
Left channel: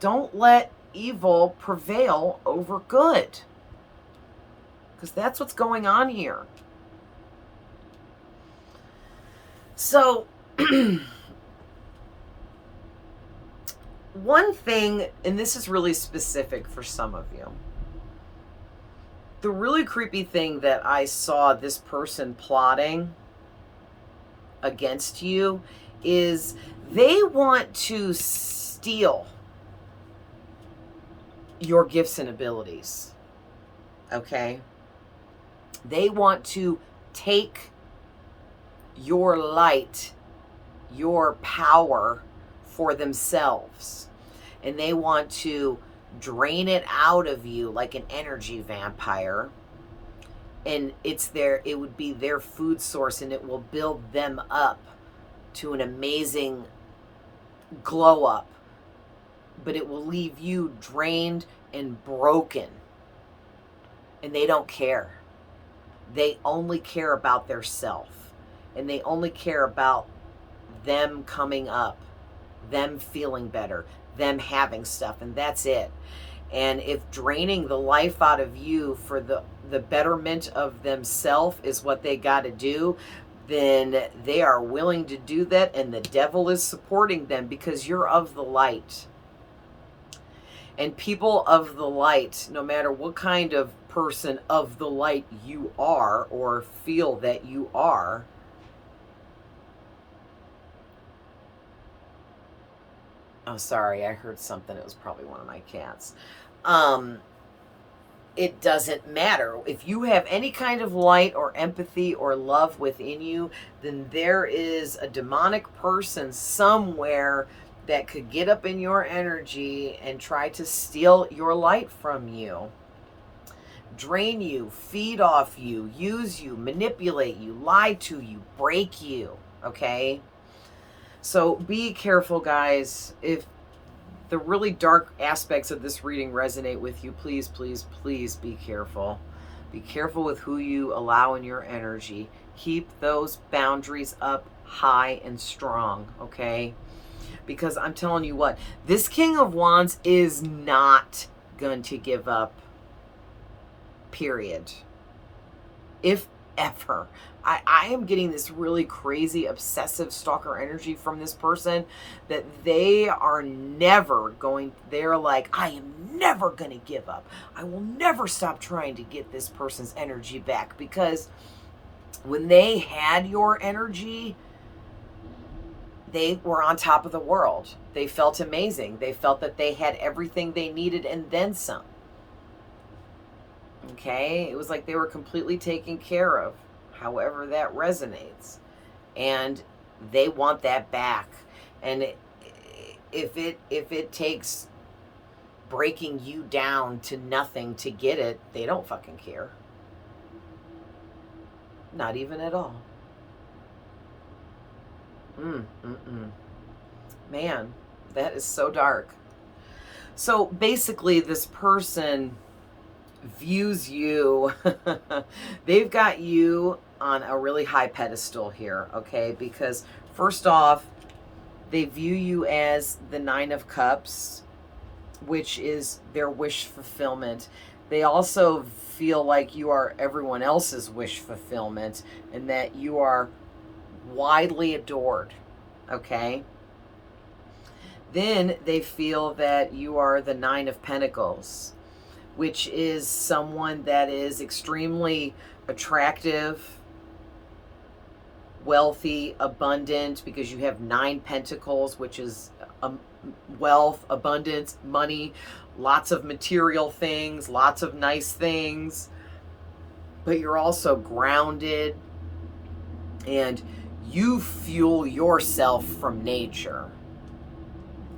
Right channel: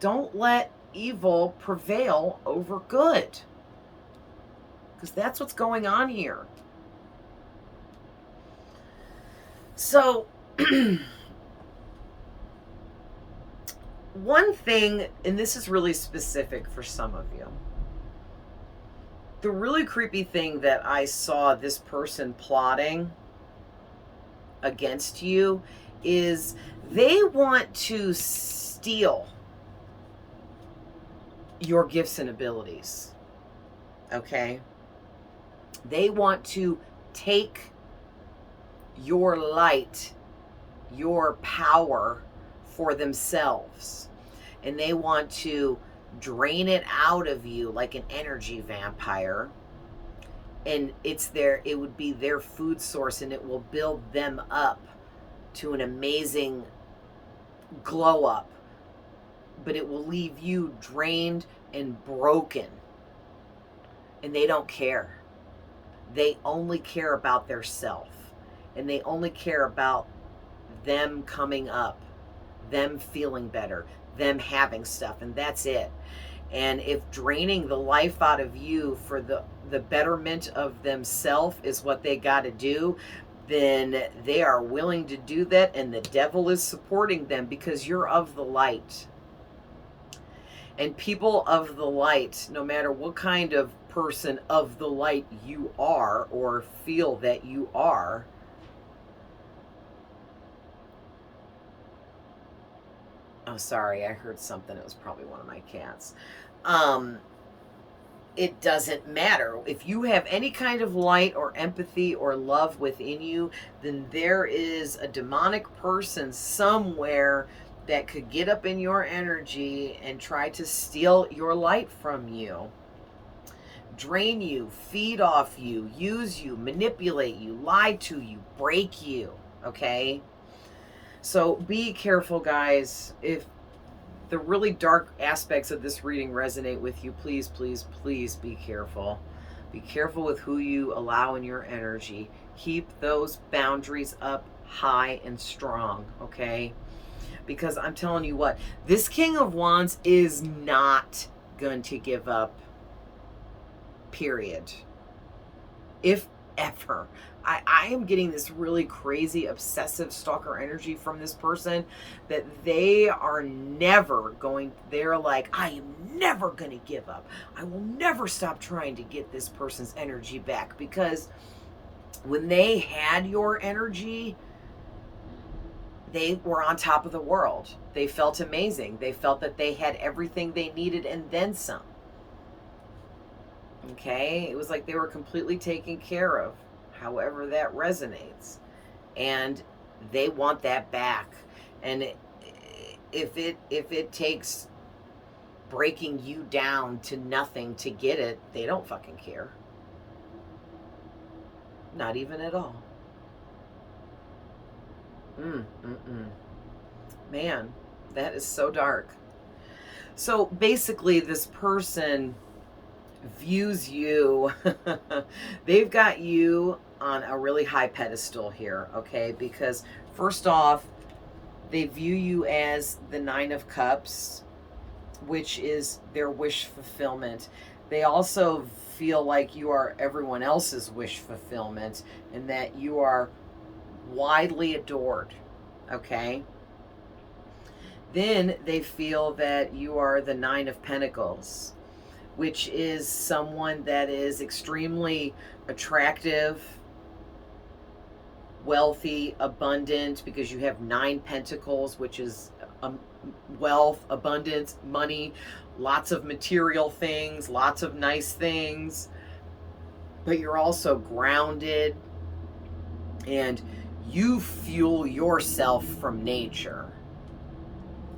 Don't let evil prevail over good, because that's what's going on here. So one thing, and this is really specific for some of you, the really creepy thing that I saw this person plotting against you is they want to steal your gifts and abilities. Okay? They want to take your light, your power for themselves. And they want to drain it out of you like an energy vampire. And it would be their food source, and it will build them up to an amazing glow up. But it will leave you drained and broken and they don't care. They only care about their self, and they only care about them coming up, them feeling better, them having stuff, and that's it. And if draining the life out of you for the betterment of themselves is what they got to do, then they are willing to do that, and the devil is supporting them because you're of the light. And people of the light, no matter what kind of person of the light you are or feel that you are, oh, sorry, I heard something. It was probably one of my cats. It doesn't matter. If you have any kind of light or empathy or love within you, then there is a demonic person somewhere that could get up in your energy and try to steal your light from you, drain you, feed off you, use you, manipulate you, lie to you, break you, okay? So be careful, guys. If the really dark aspects of this reading resonate with you, please, please, please be careful. Be careful with who you allow in your energy. Keep those boundaries up high and strong, okay? Because I'm telling you what, this King of Wands is not going to give up, period. If ever. I am getting this really crazy obsessive stalker energy from this person that they are never going, they're like, I am never going to give up. I will never stop trying to get this person's energy back, because when they had your energy, they were on top of the world. They felt amazing. They felt that they had everything they needed and then some. Okay? It was like they were completely taken care of, however that resonates. And they want that back. And if it takes breaking you down to nothing to get it, they don't fucking care. Not even at all. Man, that is so dark. So basically, this person views you, they've got you on a really high pedestal here, okay? Because first off, they view you as the Nine of Cups, which is their wish fulfillment. They also feel like you are everyone else's wish fulfillment, and that you are widely adored, okay? Then they feel that you are the Nine of Pentacles, which is someone that is extremely attractive, wealthy, abundant, because you have 9 pentacles, which is wealth, abundance, money, lots of material things, lots of nice things. But you're also grounded, and you fuel yourself from nature.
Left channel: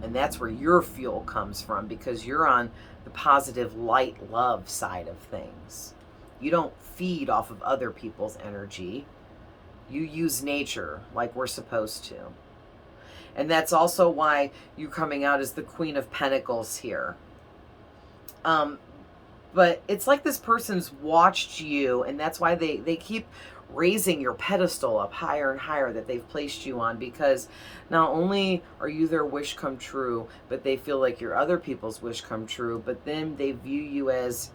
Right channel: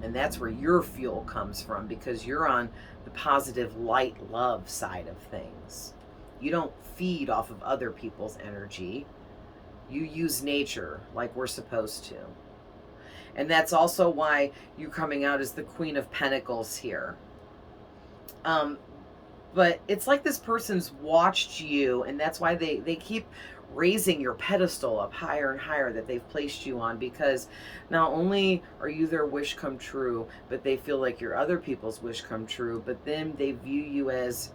And that's where your fuel comes from, because you're on the positive light love side of things. You don't feed off of other people's energy. You use nature like we're supposed to. And that's also why you're coming out as the Queen of Pentacles here. But it's like this person's watched you, and that's why they keep raising your pedestal up higher and higher that they've placed you on, because not only are you their wish come true, but they feel like you're other people's wish come true. But then they view you as,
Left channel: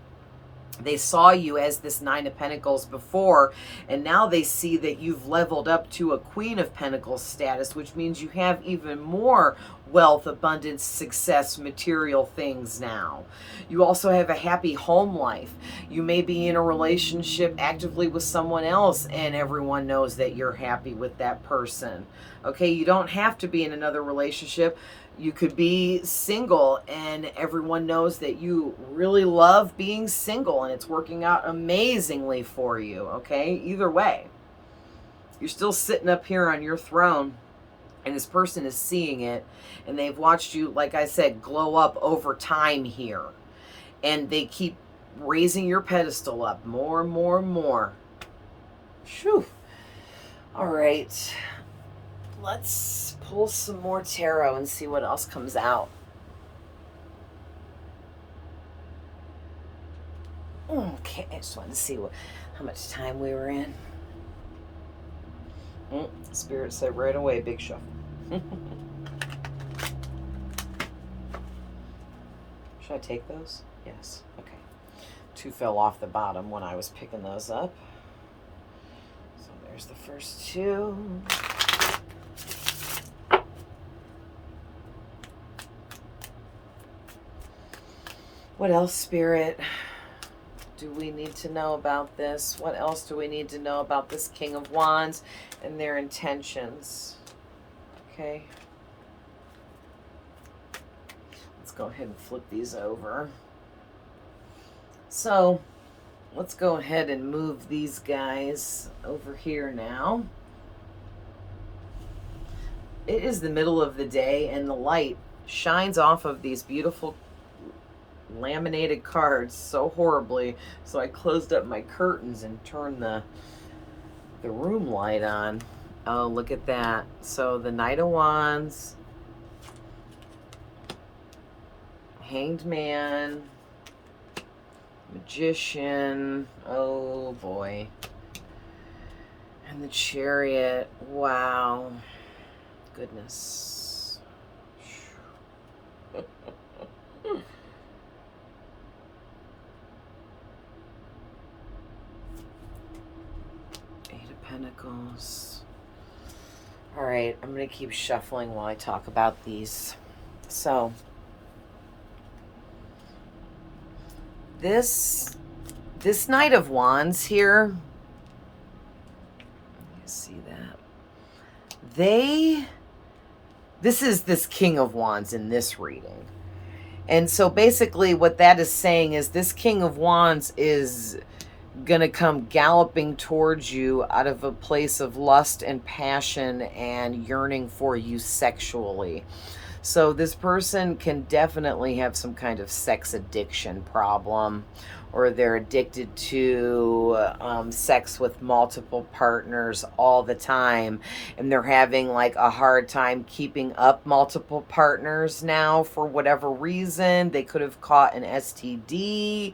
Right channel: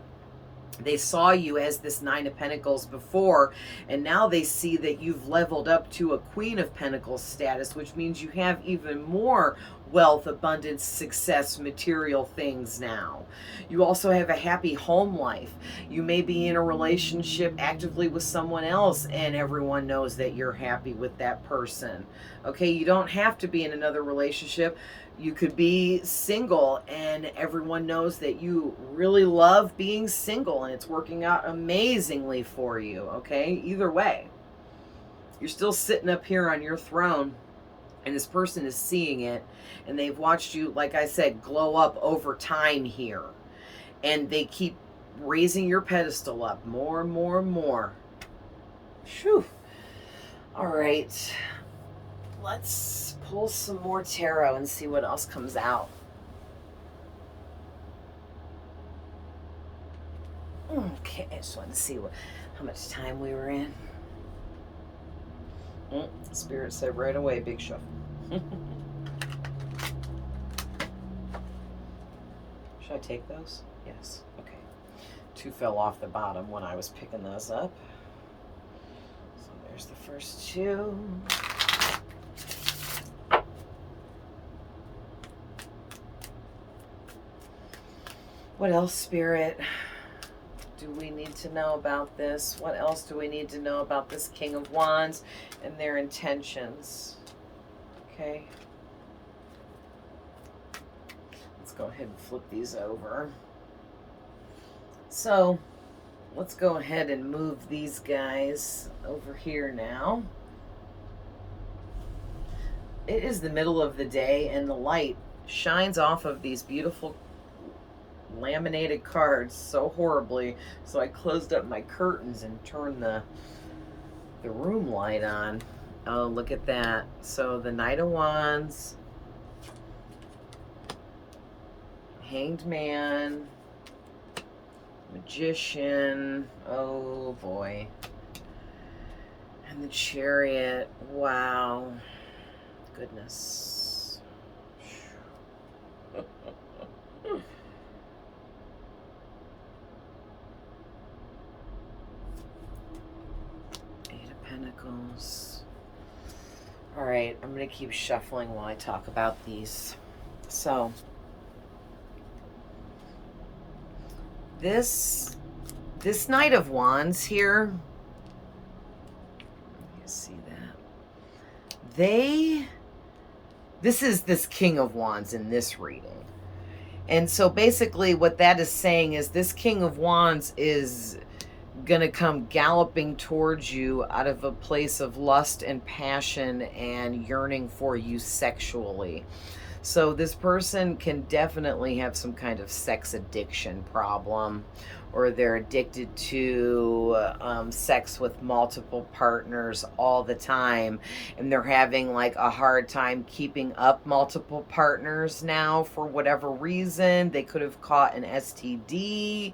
they saw you as this Nine of Pentacles before, and now they see that you've leveled up to a Queen of Pentacles status, which means you have even more wealth, abundance, success, material things now. You also have a happy home life. You may be in a relationship actively with someone else, and everyone knows that you're happy with that person. Okay, you don't have to be in another relationship. You could be single, and everyone knows that you really love being single, and it's working out amazingly for you, okay? Either way, you're still sitting up here on your throne, and this person is seeing it, and they've watched you, like I said, glow up over time here. And they keep raising your pedestal up more and more and more. Phew. All right. Let's pull some more tarot and see what else comes out. Okay, I just wanted to see how much time we were in. Spirit said right away, big shuffle. Should I take those? Yes. Okay. 2 fell off the bottom when I was picking those up. So there's the first 2. What else, Spirit, do we need to know about this? What else do we need to know about this King of Wands and their intentions? Okay. Let's go ahead and flip these over. So let's go ahead and move these guys over here now. It is the middle of the day and the light shines off of these beautiful laminated cards so horribly, so I closed up my curtains and turned the room light on. Oh, look at that. So the Knight of Wands, Hanged Man, Magician, oh boy, and the Chariot. Wow, goodness. Pentacles. All right, I'm going to keep shuffling while I talk about these. So, this Knight of Wands here, you see that? This is this King of Wands in this reading. And so basically what that is saying is this King of Wands is gonna come galloping towards you out of a place of lust and passion and yearning for you sexually. So this person can definitely have some kind of sex addiction problem, or they're addicted to sex with multiple partners all the time, and they're having like a hard time keeping up multiple partners now for whatever reason. They could have caught an STD,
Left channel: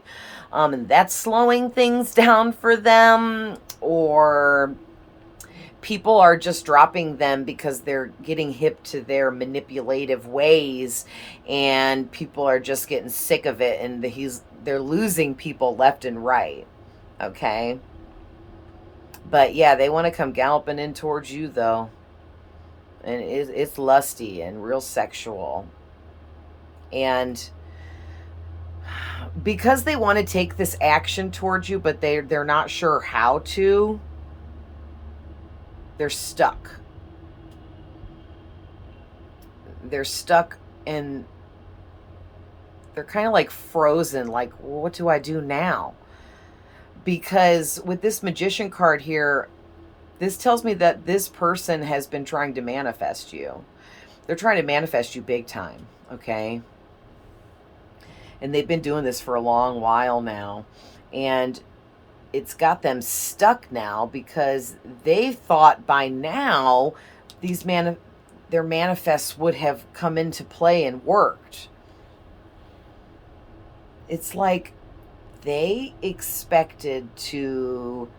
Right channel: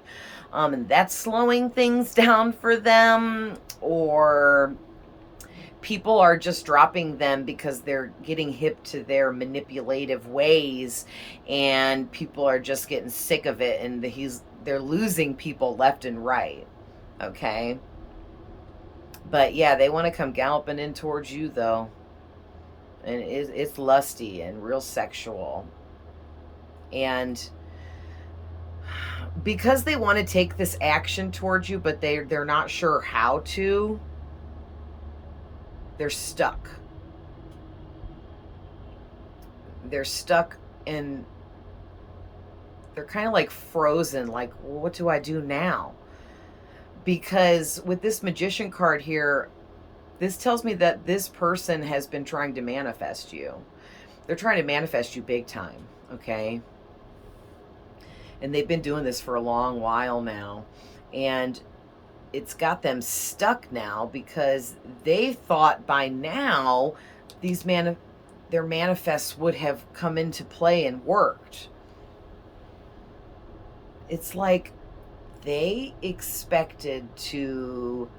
and that's slowing things down for them, or people are just dropping them because they're getting hip to their manipulative ways, and people are just getting sick of it, and they're losing people left and right. Okay. But yeah, they want to come galloping in towards you though. And it's lusty and real sexual. And because they want to take this action towards you, but they're not sure how to, they're stuck. They're stuck, and they're kind of like frozen, like, well, what do I do now? Because with this Magician card here, this tells me that this person has been trying to manifest you. They're trying to manifest you big time, okay? And they've been doing this for a long while now. And it's got them stuck now because they thought by now their manifests would have come into play and worked. It's like they expected to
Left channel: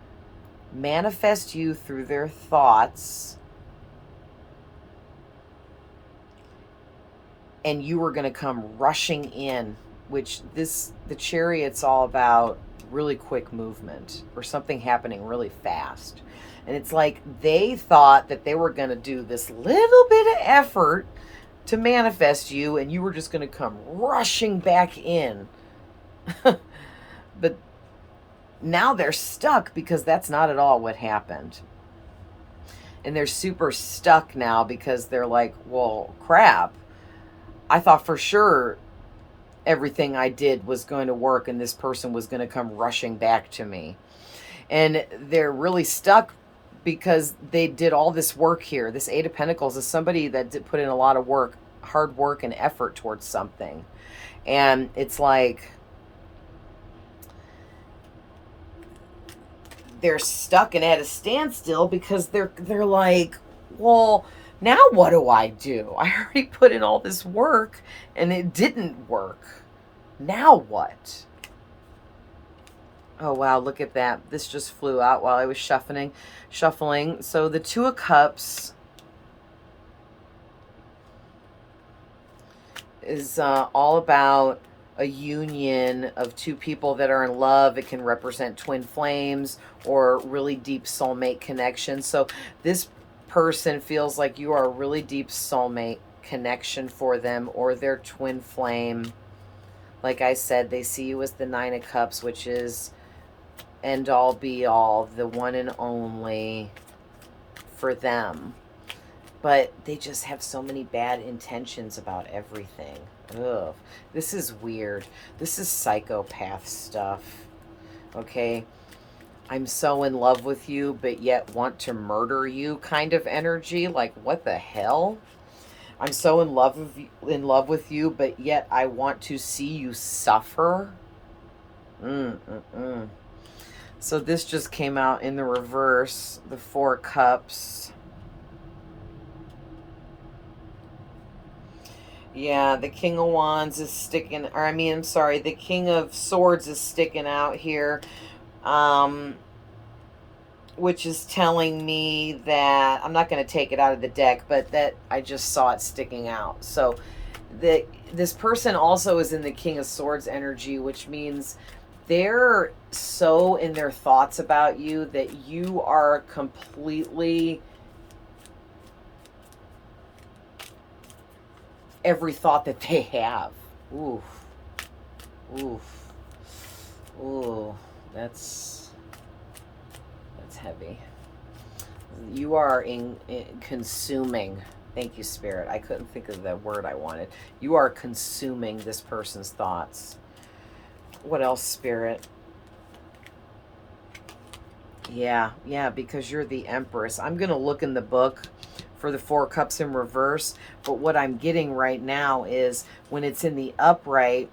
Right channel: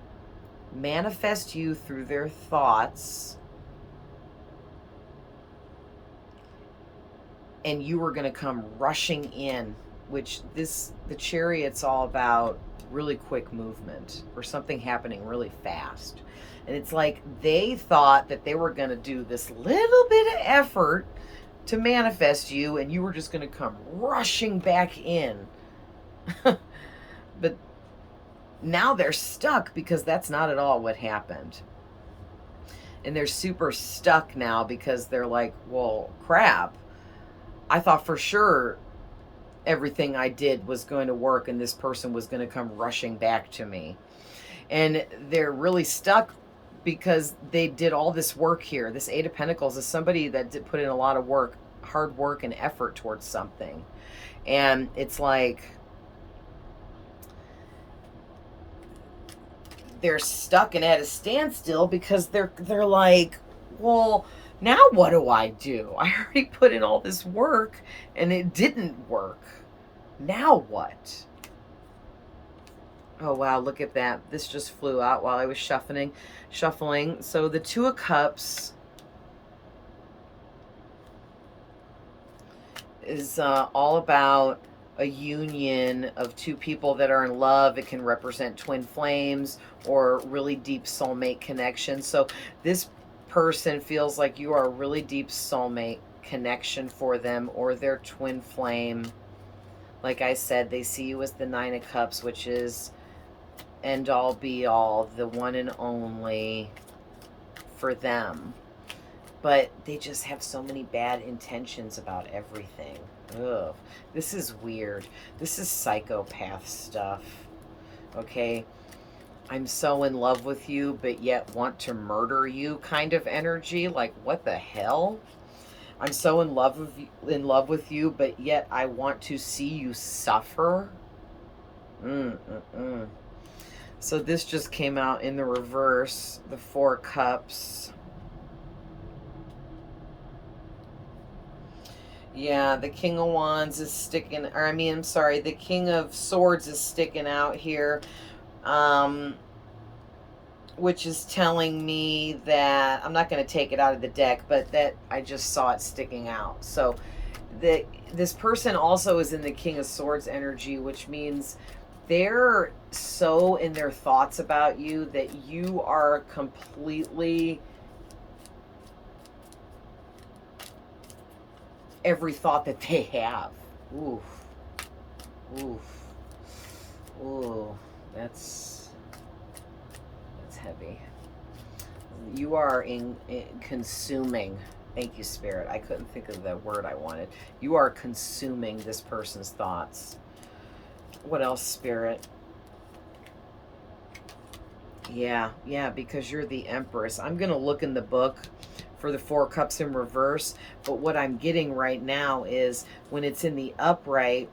manifest you through their thoughts, and you were going to come rushing in, which the Chariot's all about really quick movement or something happening really fast. And it's like they thought that they were going to do this little bit of effort to manifest you, and you were just going to come rushing back in. But now they're stuck because that's not at all what happened. And they're super stuck now because they're like, well, crap. I thought for sure everything I did was going to work and this person was going to come rushing back to me. And they're really stuck because they did all this work here. This Eight of Pentacles is somebody that did put in a lot of work, hard work and effort towards something. And it's like they're stuck and at a standstill because they're like, well, now what do I do? I already put in all this work and it didn't work. Now what? Oh, wow, look at that. This just flew out while I was shuffling. So the Two of Cups is all about a union of two people that are in love. It can represent twin flames or really deep soulmate connection. So this person feels like you are a really deep soulmate connection for them, or their twin flame. Like I said, they see you as the Nine of Cups, which is end all be all, the one and only for them. But they just have so many bad intentions about everything. Ugh. This is weird. This is psychopath stuff. Okay? I'm so in love with you, but yet want to murder you kind of energy. Like, what the hell? I'm so in love with you, but yet I want to see you suffer. So this just came out in the reverse, the Four Cups. Yeah, the King of Wands is sticking, or I mean, I'm sorry, the King of Swords is sticking out here, which is telling me that, I'm not going to take it out of the deck, but that I just saw it sticking out. So this person also is in the King of Swords energy, which means they're so in their thoughts about you that you are completely every thought that they have. Oof. Oof. Ooh. That's heavy. You are in consuming. Thank you, Spirit. I couldn't think of the word I wanted. You are consuming this person's thoughts. What else, Spirit? Yeah, because you're the Empress. I'm going to look in the book for the Four Cups in reverse, but what I'm getting right now is when it's in the upright,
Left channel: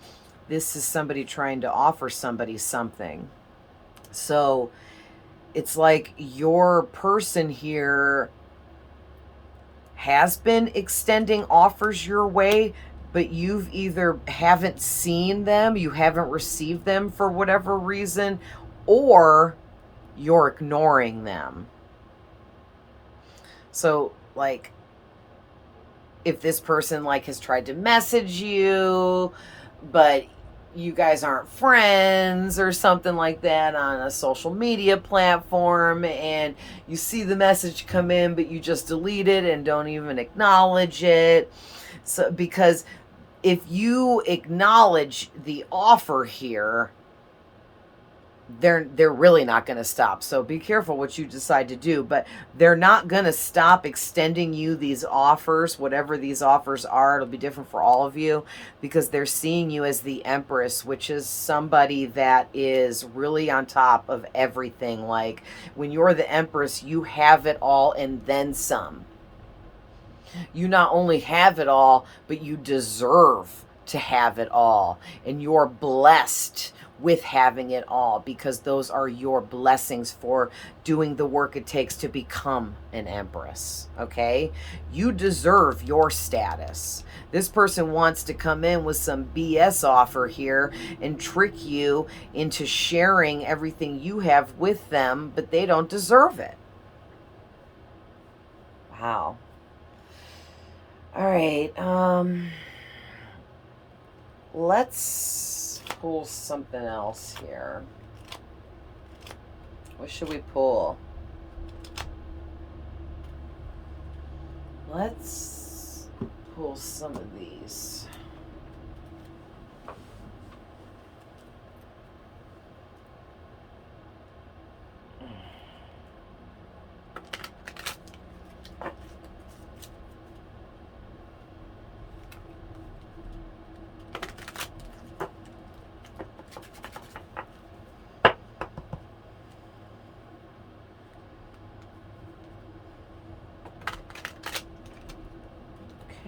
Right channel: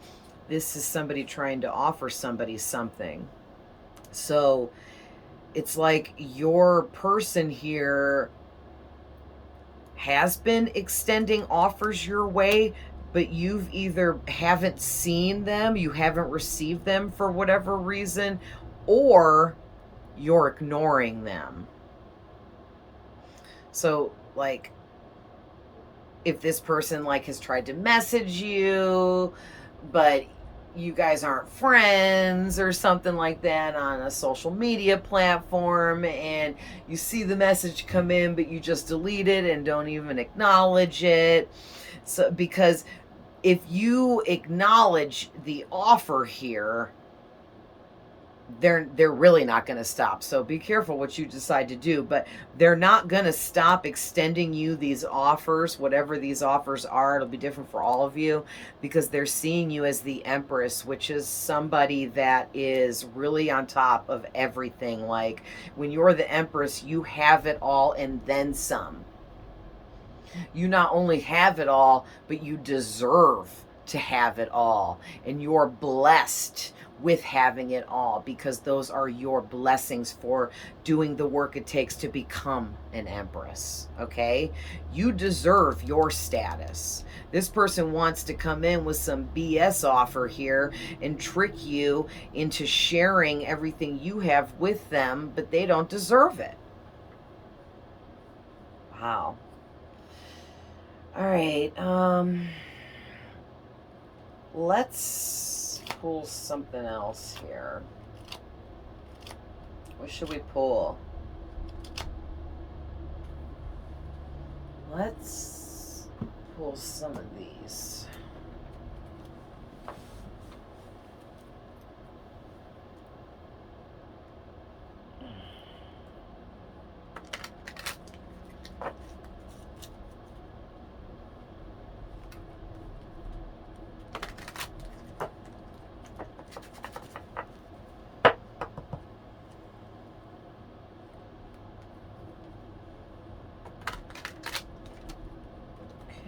this is somebody trying to offer somebody something. So it's like your person here has been extending offers your way, but you've either haven't seen them, you haven't received them for whatever reason, or you're ignoring them. So, like, if this person, like, has tried to message you, but you guys aren't friends or something like that on a social media platform, and you see the message come in, but you just delete it and don't even acknowledge it. So, because if you acknowledge the offer here, they're really not going to stop. So be careful what you decide to do, but they're not going to stop extending you these offers, whatever these offers are. It'll be different for all of you because they're seeing you as the Empress, which is somebody that is really on top of everything. Like when you're the Empress, you have it all and then some. You not only have it all, but you deserve to have it all, and you're blessed with having it all because those are your blessings for doing the work it takes to become an Empress. Okay, you deserve your status. This person wants to come in with some BS offer here and trick you into sharing everything you have with them, but they don't deserve it. Wow. All right, let's pull something else here. What should we pull? Let's pull some of these.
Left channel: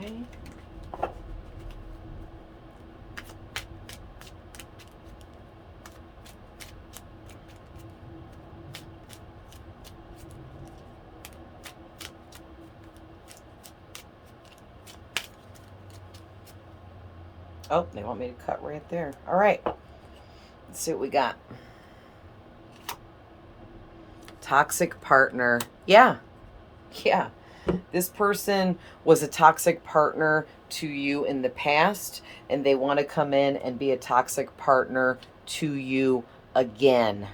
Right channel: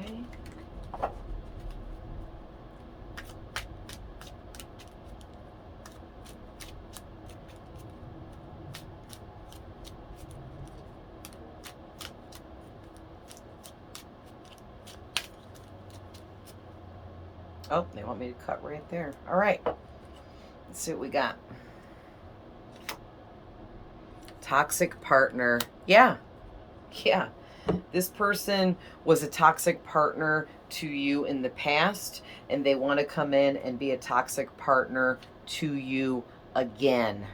Okay. Oh, they want me to cut right there. All right. Let's see what we got. Toxic partner. Yeah. Yeah. This person was a toxic partner to you in the past, and they want to come in and be a toxic partner to you again.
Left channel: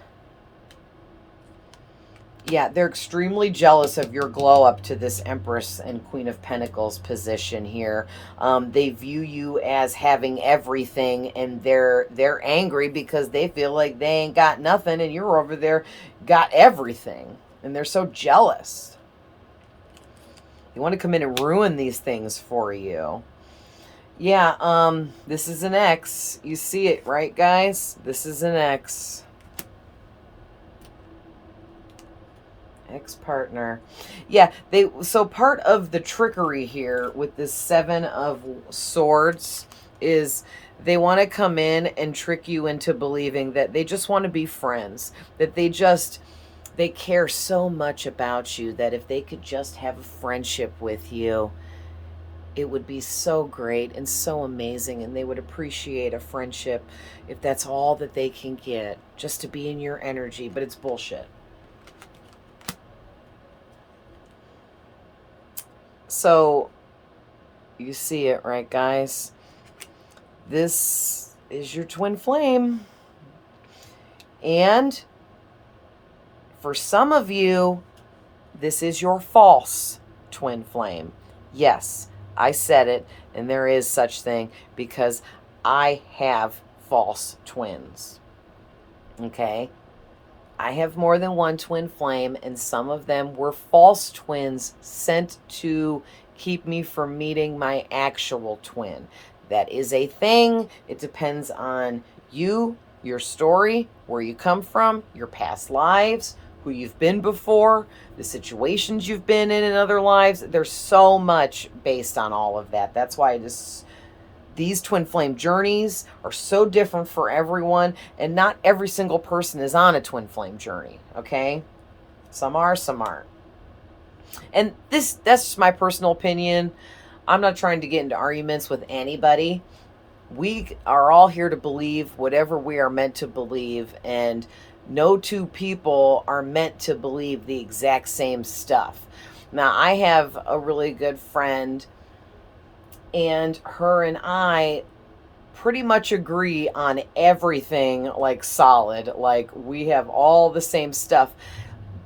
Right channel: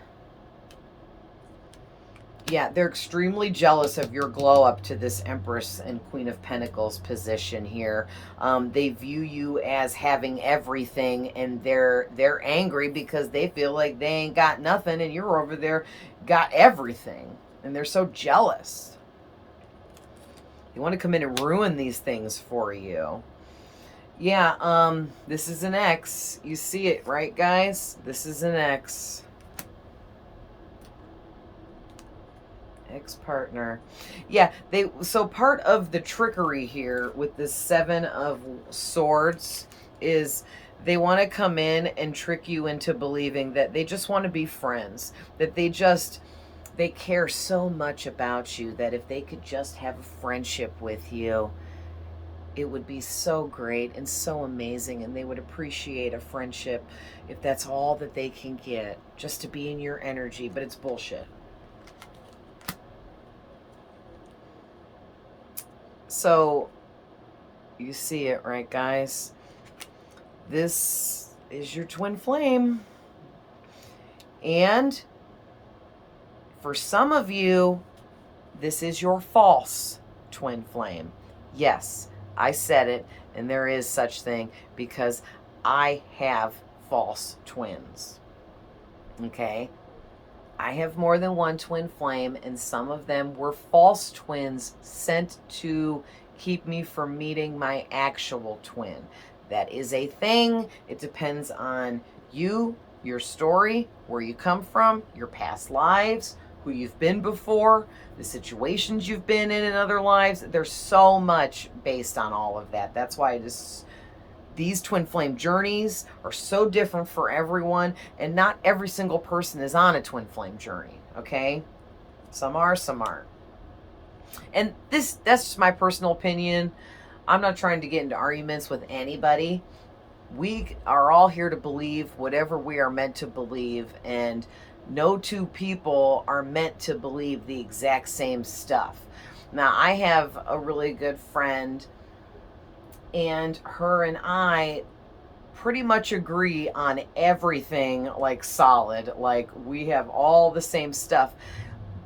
Yeah, they're extremely jealous of your glow up to this Empress and Queen of Pentacles position here. They view you as having everything, and they're angry because they feel like they ain't got nothing, and you're over there got everything, and they're so jealous. They want to come in and ruin these things for you. Yeah, this is an X. You see it, right, guys? This is an X. Ex-partner. Yeah, so part of the trickery here with this Seven of Swords is they want to come in and trick you into believing that they just want to be friends, that they care so much about you that if they could just have a friendship with you, it would be so great and so amazing, and they would appreciate a friendship if that's all that they can get, just to be in your energy. But it's bullshit. So you see it, right, guys? This is your twin flame. And for some of you, this is your false twin flame. Yes, I said it, and there is such thing, because I have false twins. Okay? I have more than one twin flame, and some of them were false twins sent to keep me from meeting my actual twin. That is a thing. It depends on you, your story, where you come from, your past lives, who you've been before, the situations you've been in other lives. There's so much based on all of that. That's why these twin flame journeys are so different for everyone, and not every single person is on a twin flame journey, okay? Some are, some aren't. And that's just my personal opinion. I'm not trying to get into arguments with anybody. We are all here to believe whatever we are meant to believe, and no two people are meant to believe the exact same stuff. Now, I have a really good friend, and her and I pretty much agree on everything, like solid. Like, we have all the same stuff.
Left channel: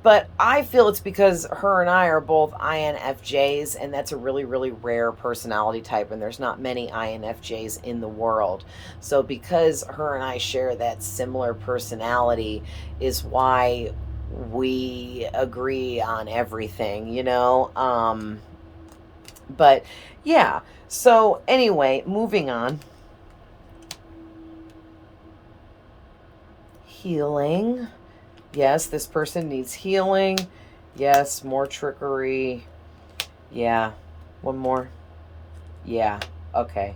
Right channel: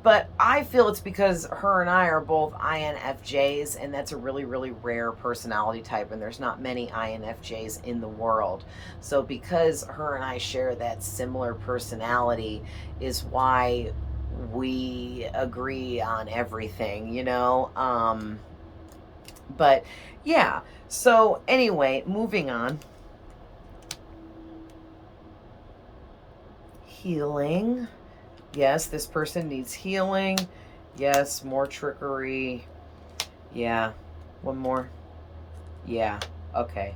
But I feel it's because her and I are both INFJs, and that's a really, really rare personality type, and there's not many INFJs in the world. So because her and I share that similar personality is why we agree on everything, you know? But yeah, so anyway, moving on. Healing. Yes, this person needs healing. Yes, more trickery. Yeah. One more. Yeah. Okay.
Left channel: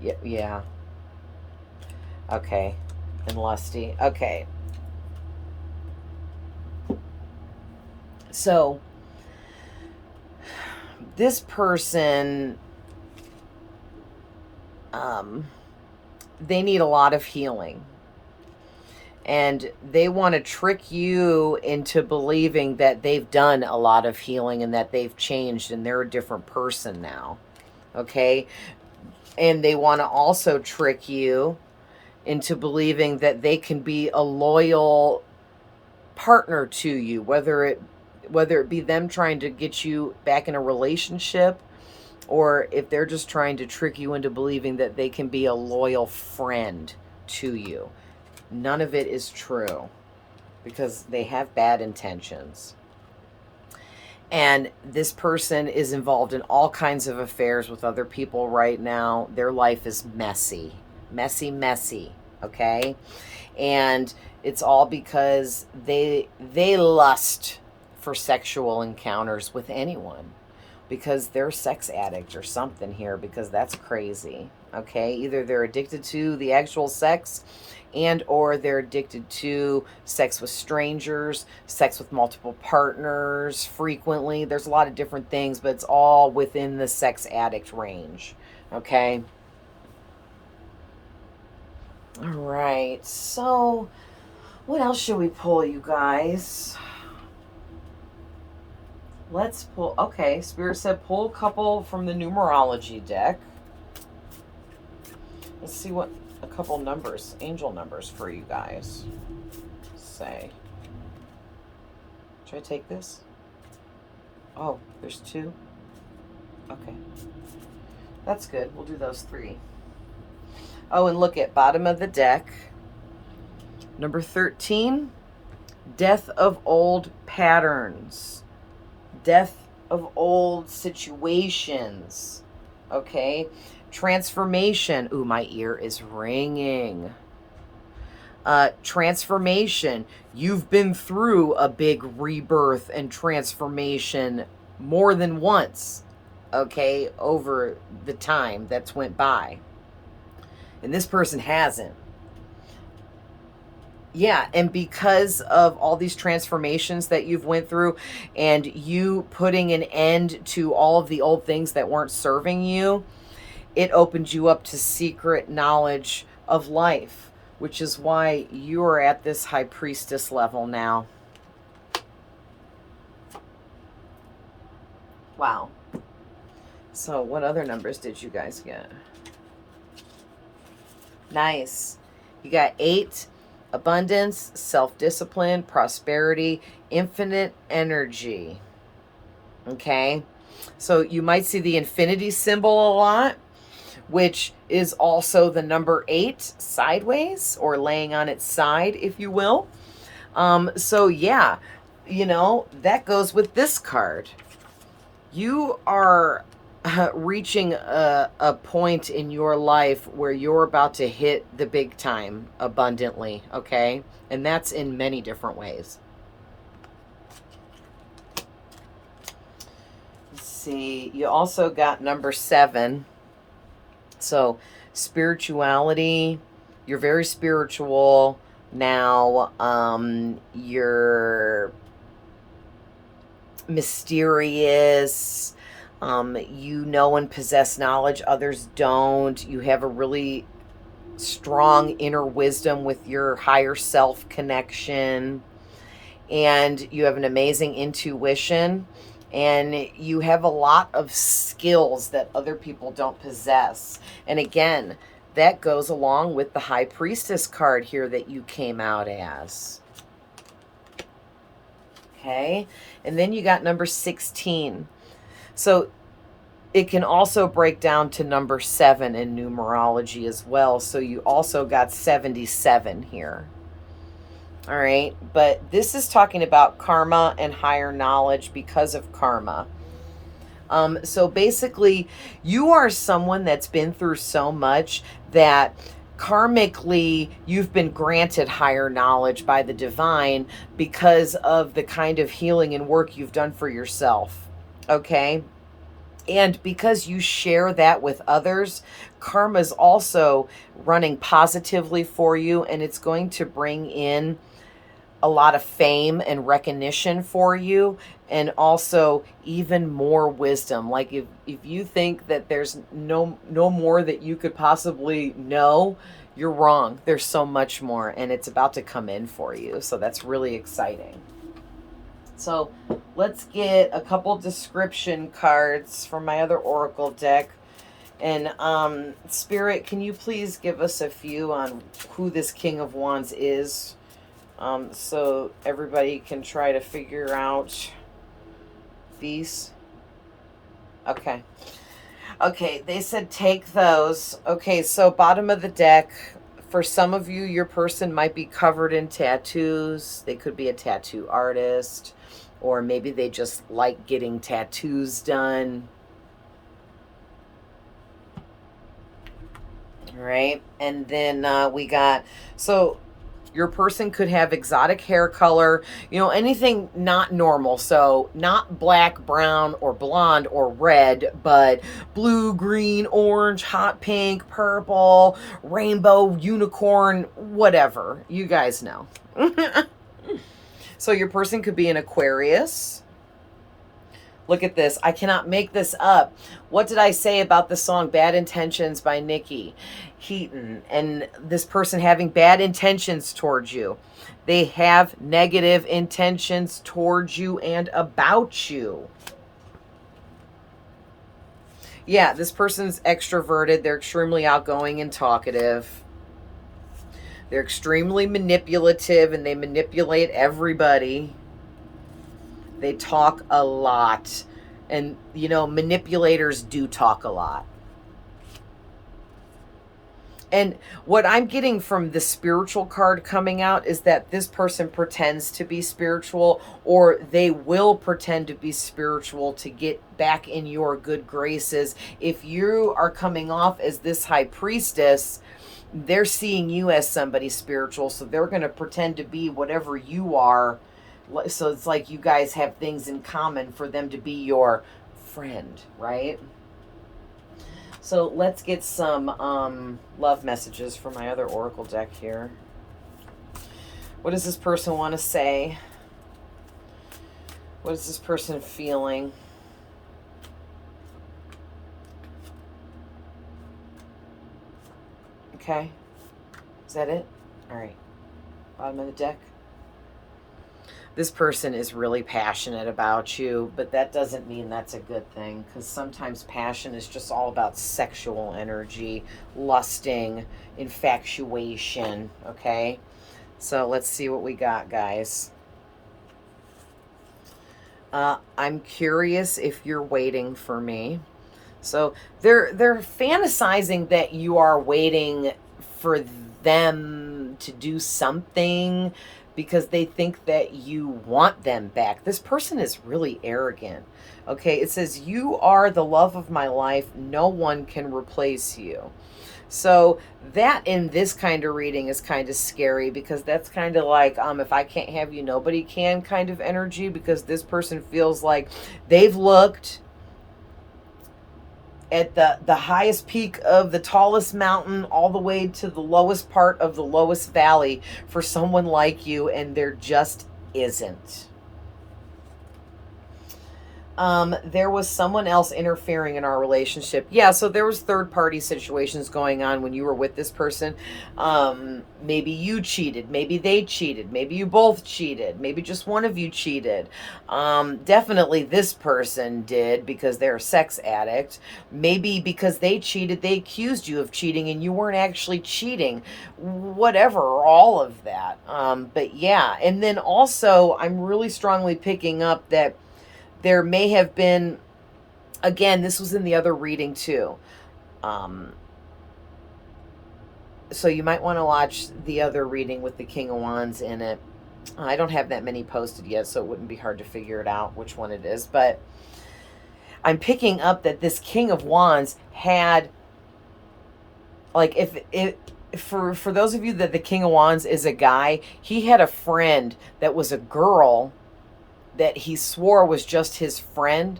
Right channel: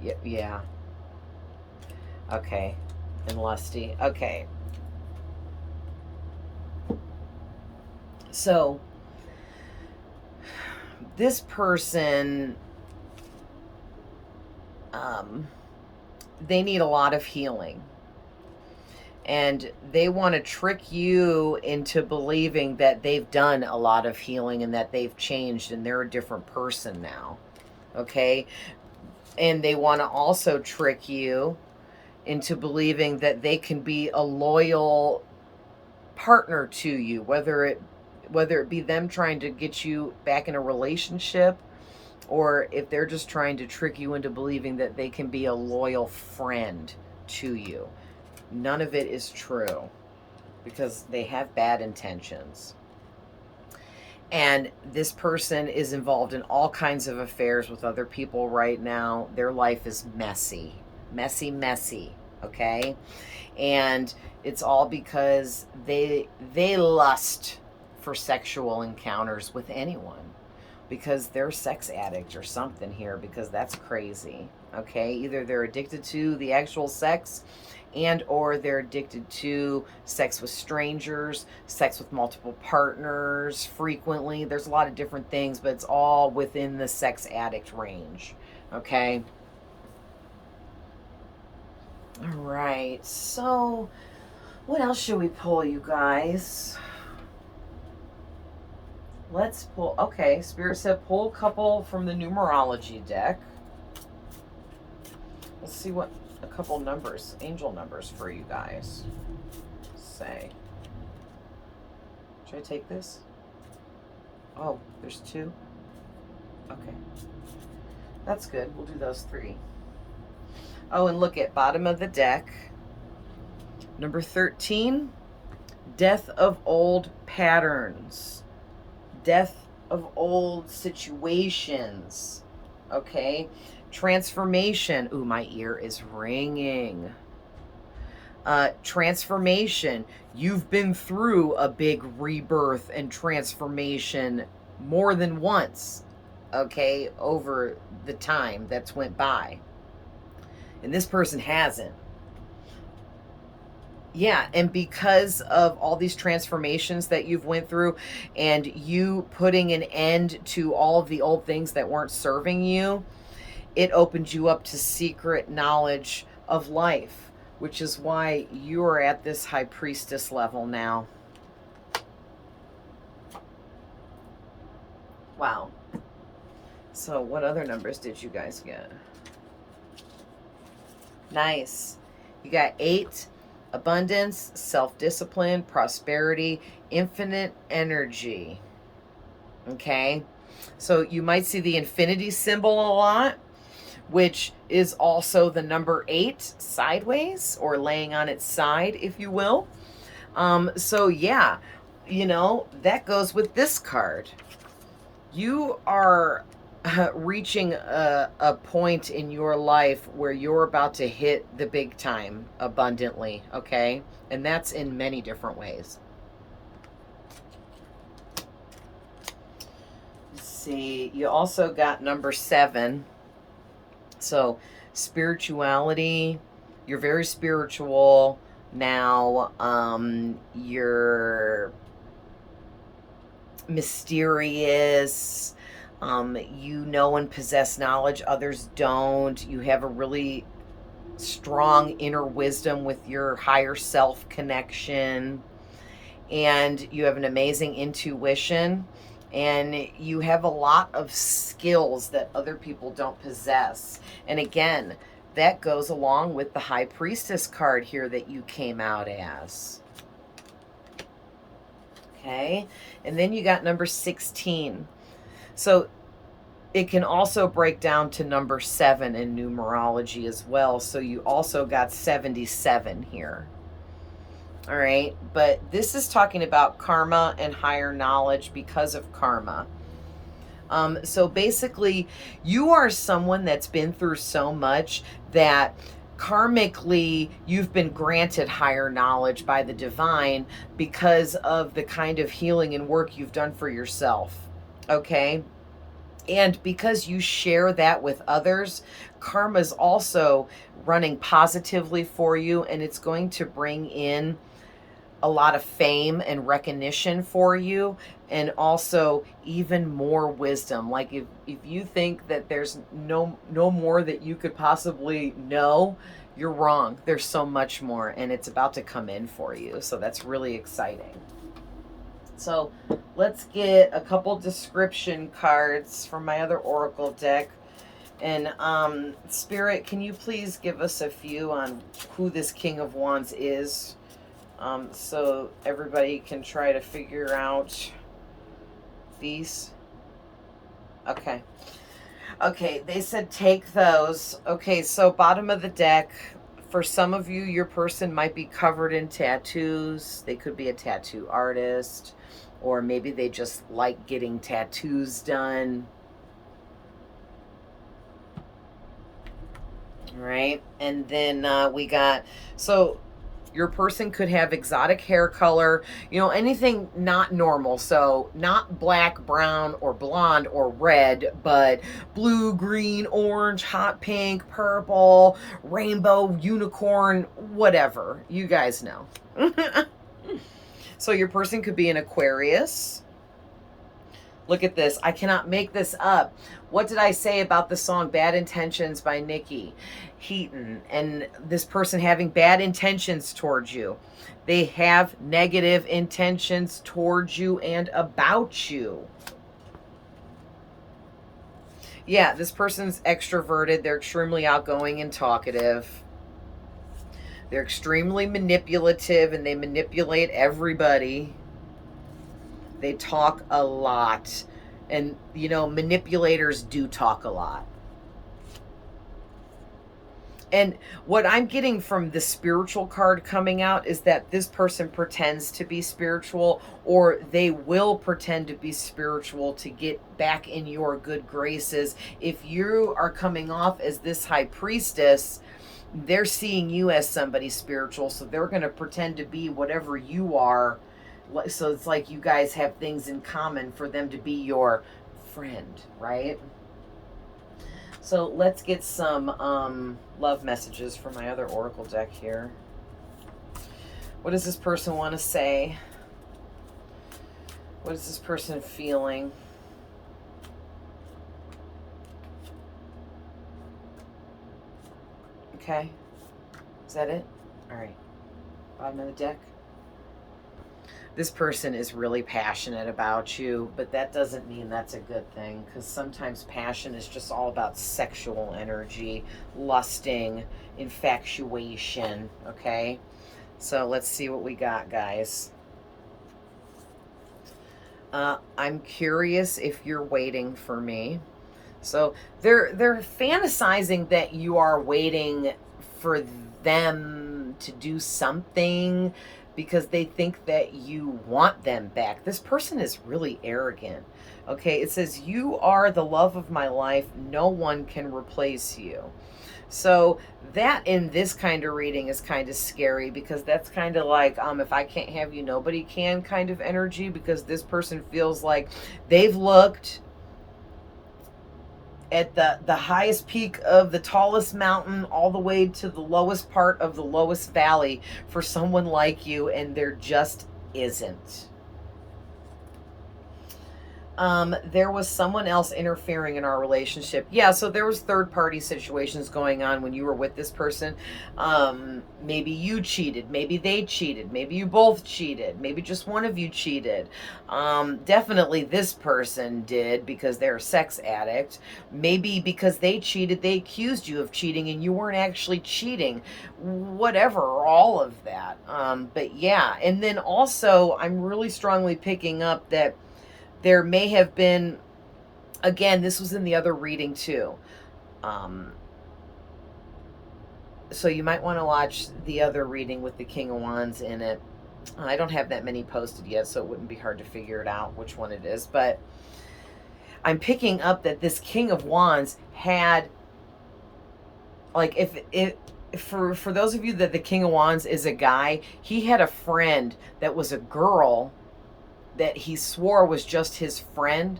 Yeah. Okay. And lusty. Okay. So, this person, they need a lot of healing. And they want to trick you into believing that they've done a lot of healing and that they've changed and they're a different person now. Okay? And they want to also trick you into believing that they can be a loyal partner to you, whether it be them trying to get you back in a relationship, or if they're just trying to trick you into believing that they can be a loyal friend to you. None of it is true, because they have bad intentions. And this person is involved in all kinds of affairs with other people right now. Their life is messy. Messy, okay? And it's all because they lust for sexual encounters with anyone, because they're a sex addict or something here, because that's crazy, okay? Either they're addicted to the actual sex, and or they're addicted to sex with strangers, sex with multiple partners frequently. There's a lot of different things, but it's all within the sex addict range, okay? All right, so what else should we pull, you guys? Let's pull, okay, Spirit said pull a couple from the numerology deck. Let's see what a couple numbers, angel numbers for you guys say. Should I take this? Oh, there's 2. Okay. That's good. We'll do those 3. Oh, and look at bottom of the deck. Number 13, death of old patterns. Death of old situations. Okay. Transformation. Ooh, my ear is ringing. Transformation. You've been through a big rebirth and transformation more than once, okay, over the time that's went by. And this person hasn't. Yeah, and because of all these transformations that you've went through and you putting an end to all of the old things that weren't serving you, it opened you up to secret knowledge of life, which is why you are at this high priestess level now. Wow. So what other numbers did you guys get? Nice. You got 8, abundance, self-discipline, prosperity, infinite energy. Okay. So you might see the infinity symbol a lot, which is also the number 8 sideways or laying on its side, if you will. So yeah, you know, that goes with this card. You are reaching a point in your life where you're about to hit the big time abundantly, okay? And that's in many different ways. Let's see, you also got number 7. So spirituality, you're very spiritual now. You're mysterious. You know and possess knowledge others don't. You have a really strong inner wisdom with your higher self connection. And you have an amazing intuition. And you have a lot of skills that other people don't possess. And again, that goes along with the High Priestess card here that you came out as. Okay. And then you got number 16. So it can also break down to number 7 in numerology as well. So you also got 77 here. All right. But this is talking about karma and higher knowledge because of karma. So basically, you are someone that's been through so much that karmically you've been granted higher knowledge by the divine because of the kind of healing and work you've done for yourself. Okay. And because you share that with others, karma is also running positively for you, and it's going to bring in a lot of fame and recognition for you, and also even more wisdom. Like if you think that there's no more that you could possibly know, you're wrong. There's so much more, and it's about to come in for you. So that's really exciting. So let's get a couple description cards from my other oracle deck. And Spirit, can you please give us a few on who this King of Wands is, so everybody can try to figure out these? Okay. Okay, they said take those. Okay, so bottom of the deck, for some of you, your person might be covered in tattoos. They could be a tattoo artist, or maybe they just like getting tattoos done. Right? And then we got, so your person could have exotic hair color, you know, anything not normal. So not black, brown, or blonde, or red, but blue, green, orange, hot pink, purple, rainbow, unicorn, whatever. You guys know. So your person could be an Aquarius. Look at this. I cannot make this up. What did I say about the song Bad Intentions by Nikki Heaton? And this person having bad intentions towards you. They have negative intentions towards you and about you. Yeah, this person's extroverted. They're extremely outgoing and talkative. They're extremely manipulative and they manipulate everybody. They talk a lot. And, you know, manipulators do talk a lot. And what I'm getting from the spiritual card coming out is that this person pretends to be spiritual, or they will pretend to be spiritual to get back in your good graces. If you are coming off as this high priestess, they're seeing you as somebody spiritual, so they're going to pretend to be whatever you are. So it's like you guys have things in common for them to be your friend, right? So let's get some love messages for my other oracle deck here. What does this person want to say? What is this person feeling? Okay. Is that it? All right. Bottom of the deck. This person is really passionate about you, but that doesn't mean that's a good thing, because sometimes passion is just all about sexual energy, lusting, infatuation, okay? So let's see what we got, guys. I'm curious if you're waiting for me. So they're fantasizing that you are waiting for them to do something, because they think that you want them back. This person is really arrogant. Okay, it says, you are the love of my life. No one can replace you. So that in this kind of reading is kind of scary, because that's kind of like, if I can't have you, nobody can kind of energy, because this person feels like they've looked at the highest peak of the tallest mountain all the way to the lowest part of the lowest valley for someone like you, and there just isn't. There was someone else interfering in our relationship. Yeah, so there was third-party situations going on when you were with this person. Maybe you cheated. Maybe they cheated. Maybe you both cheated. Maybe just one of you cheated. Definitely this person did, because they're a sex addict. Maybe because they cheated, they accused you of cheating and you weren't actually cheating. Whatever, all of that. But yeah, and then also I'm really strongly picking up that there may have been, again, this was in the other reading too. So you might want to watch the other reading with the King of Wands in it. I don't have that many posted yet, so it wouldn't be hard to figure it out which one it is. But I'm picking up that this King of Wands had, like, for those of you that the King of Wands is a guy, he had a friend that was a girl that he swore was just his friend,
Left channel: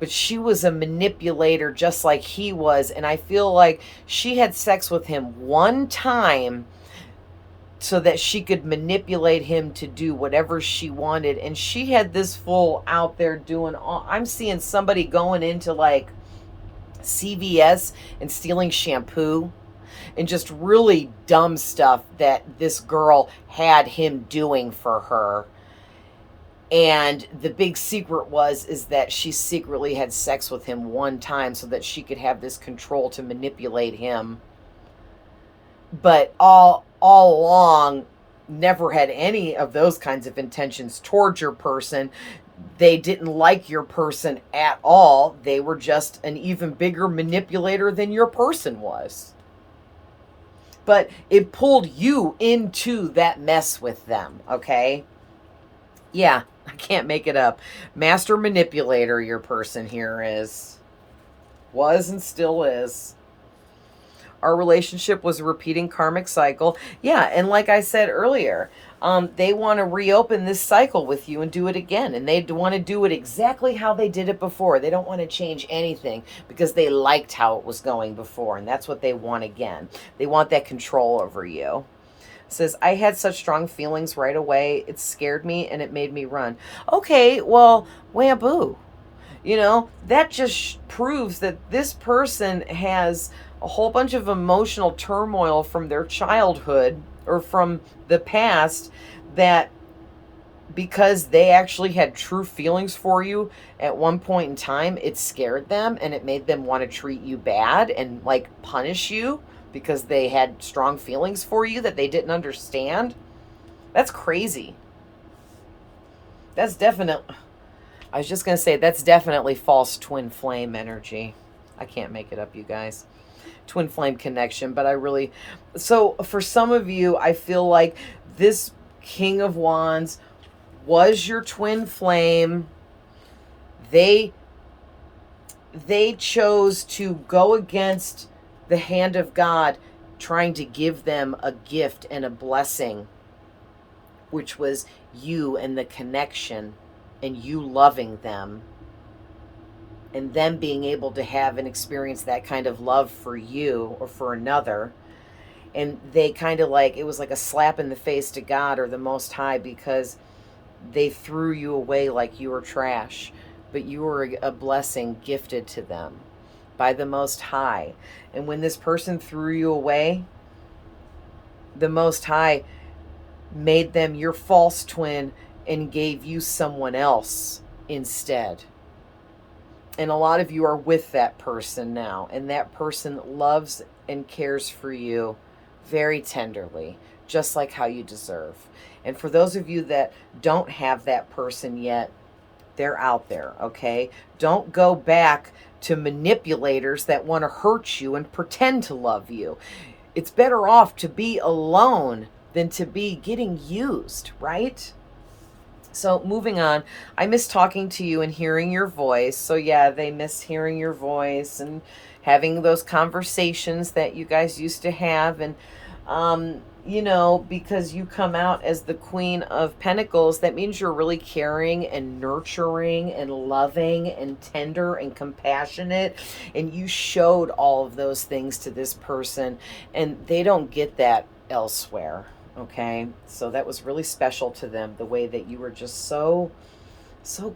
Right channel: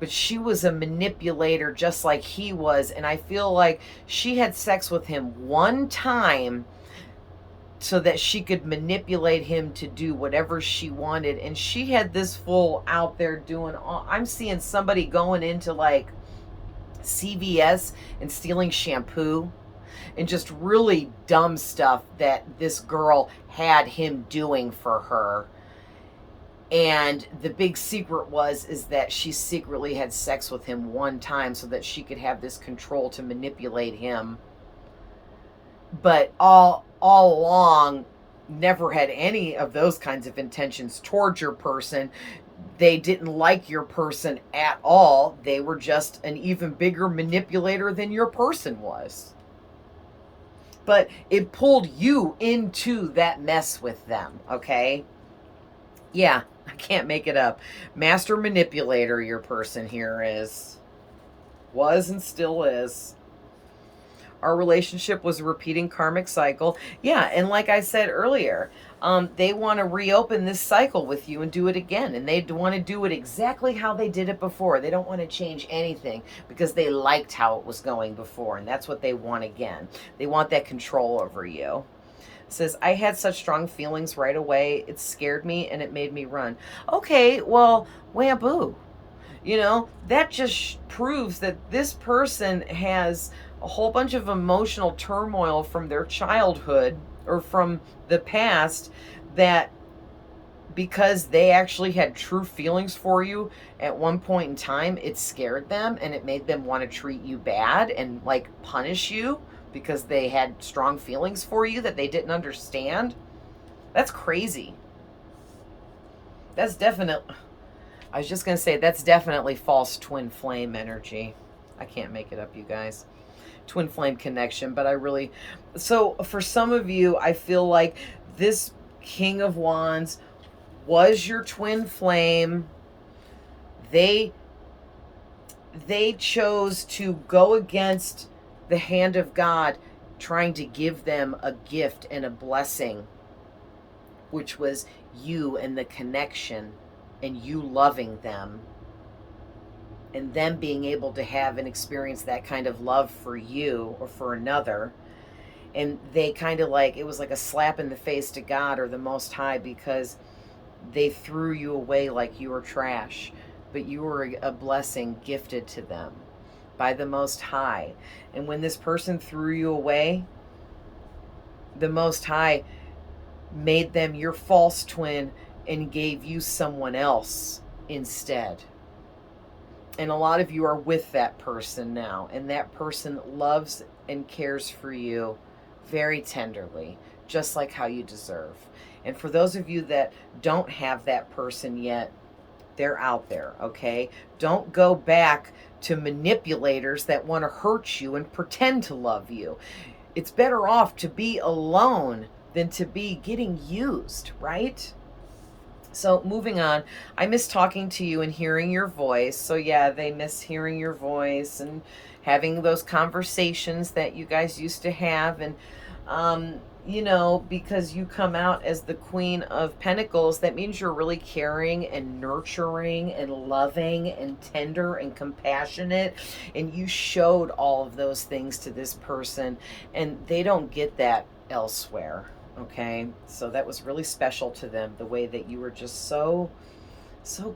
but she was a manipulator just like he was. And I feel like she had sex with him one time so that she could manipulate him to do whatever she wanted. And she had this fool out there doing all, I'm seeing somebody going into like CVS and stealing shampoo and just really dumb stuff that this girl had him doing for her. And the big secret is that she secretly had sex with him one time so that she could have this control to manipulate him. But all along, never had any of those kinds of intentions towards your person. They didn't like your person at all. They were just an even bigger manipulator than your person was. But it pulled you into that mess with them, okay? Yeah, I can't make it up. Master manipulator, your person here was and still is. Our relationship was a repeating karmic cycle. Yeah, and like I said earlier, they want to reopen this cycle with you and do it again. And they want to do it exactly how they did it before. They don't want to change anything because they liked how it was going before. And that's what they want again. They want that control over you. Says, I had such strong feelings right away. It scared me and it made me run. Okay, well, wham-boo. You know, that just proves that this person has a whole bunch of emotional turmoil from their childhood or from the past that because they actually had true feelings for you at one point in time, it scared them and it made them want to treat you bad and like punish you because they had strong feelings for you that they didn't understand. That's crazy. That's definitely, I was just going to say, that's definitely false twin flame energy. I can't make it up, you guys. Twin flame connection, but I really, so for some of you, I feel like this King of Wands was your twin flame. They chose to go against the hand of God, trying to give them a gift and a blessing, which was you and the connection and you loving them and them being able to have and experience that kind of love for you or for another. And they kind of like, it was like a slap in the face to God or the Most High, because they threw you away like you were trash, but you were a blessing gifted to them by the Most High. And when this person threw you away, the Most High made them your false twin and gave you someone else instead. And a lot of you are with that person now, and that person loves and cares for you very tenderly, just like how you deserve. And for those of you that don't have that person yet, they're out there, okay? Don't go back to manipulators that want to hurt you and pretend to love you. It's better off to be alone than to be getting used, right? So moving on, I miss talking to you and hearing your voice. So yeah, they miss hearing your voice and having those conversations that you guys used to have. And, you know, because you come out as the Queen of Pentacles, that means you're really caring and nurturing and loving and tender and compassionate. And you showed all of those things to this person, and they don't get that elsewhere. Okay, so that was really special to them, the way that you were just so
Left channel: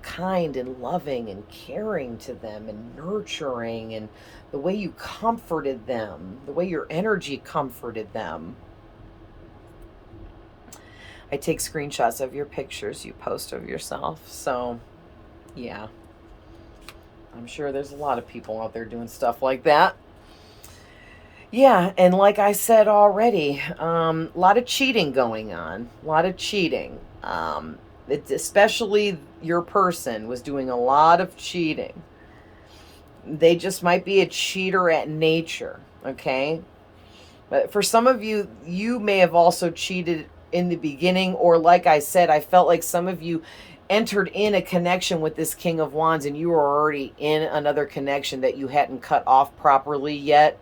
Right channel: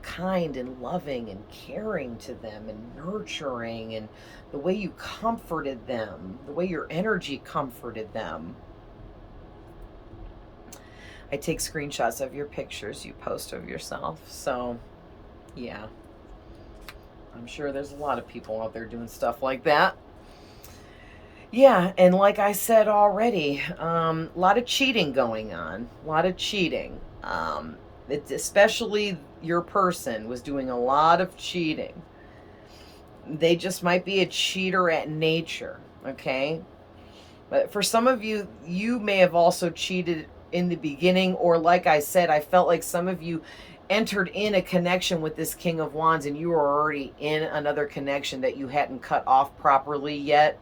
kind and loving and caring to them and nurturing, and the way you comforted them, the way your energy comforted them. I take screenshots of your pictures you post of yourself, so yeah, I'm sure there's a lot of people out there doing stuff like that. Yeah, and like I said already, a lot of cheating going on. A lot of cheating. Especially your person was doing a lot of cheating. They just might be a cheater at nature, okay? But for some of you, you may have also cheated in the beginning, or like I said, I felt like some of you entered in a connection with this King of Wands and you were already in another connection that you hadn't cut off properly yet,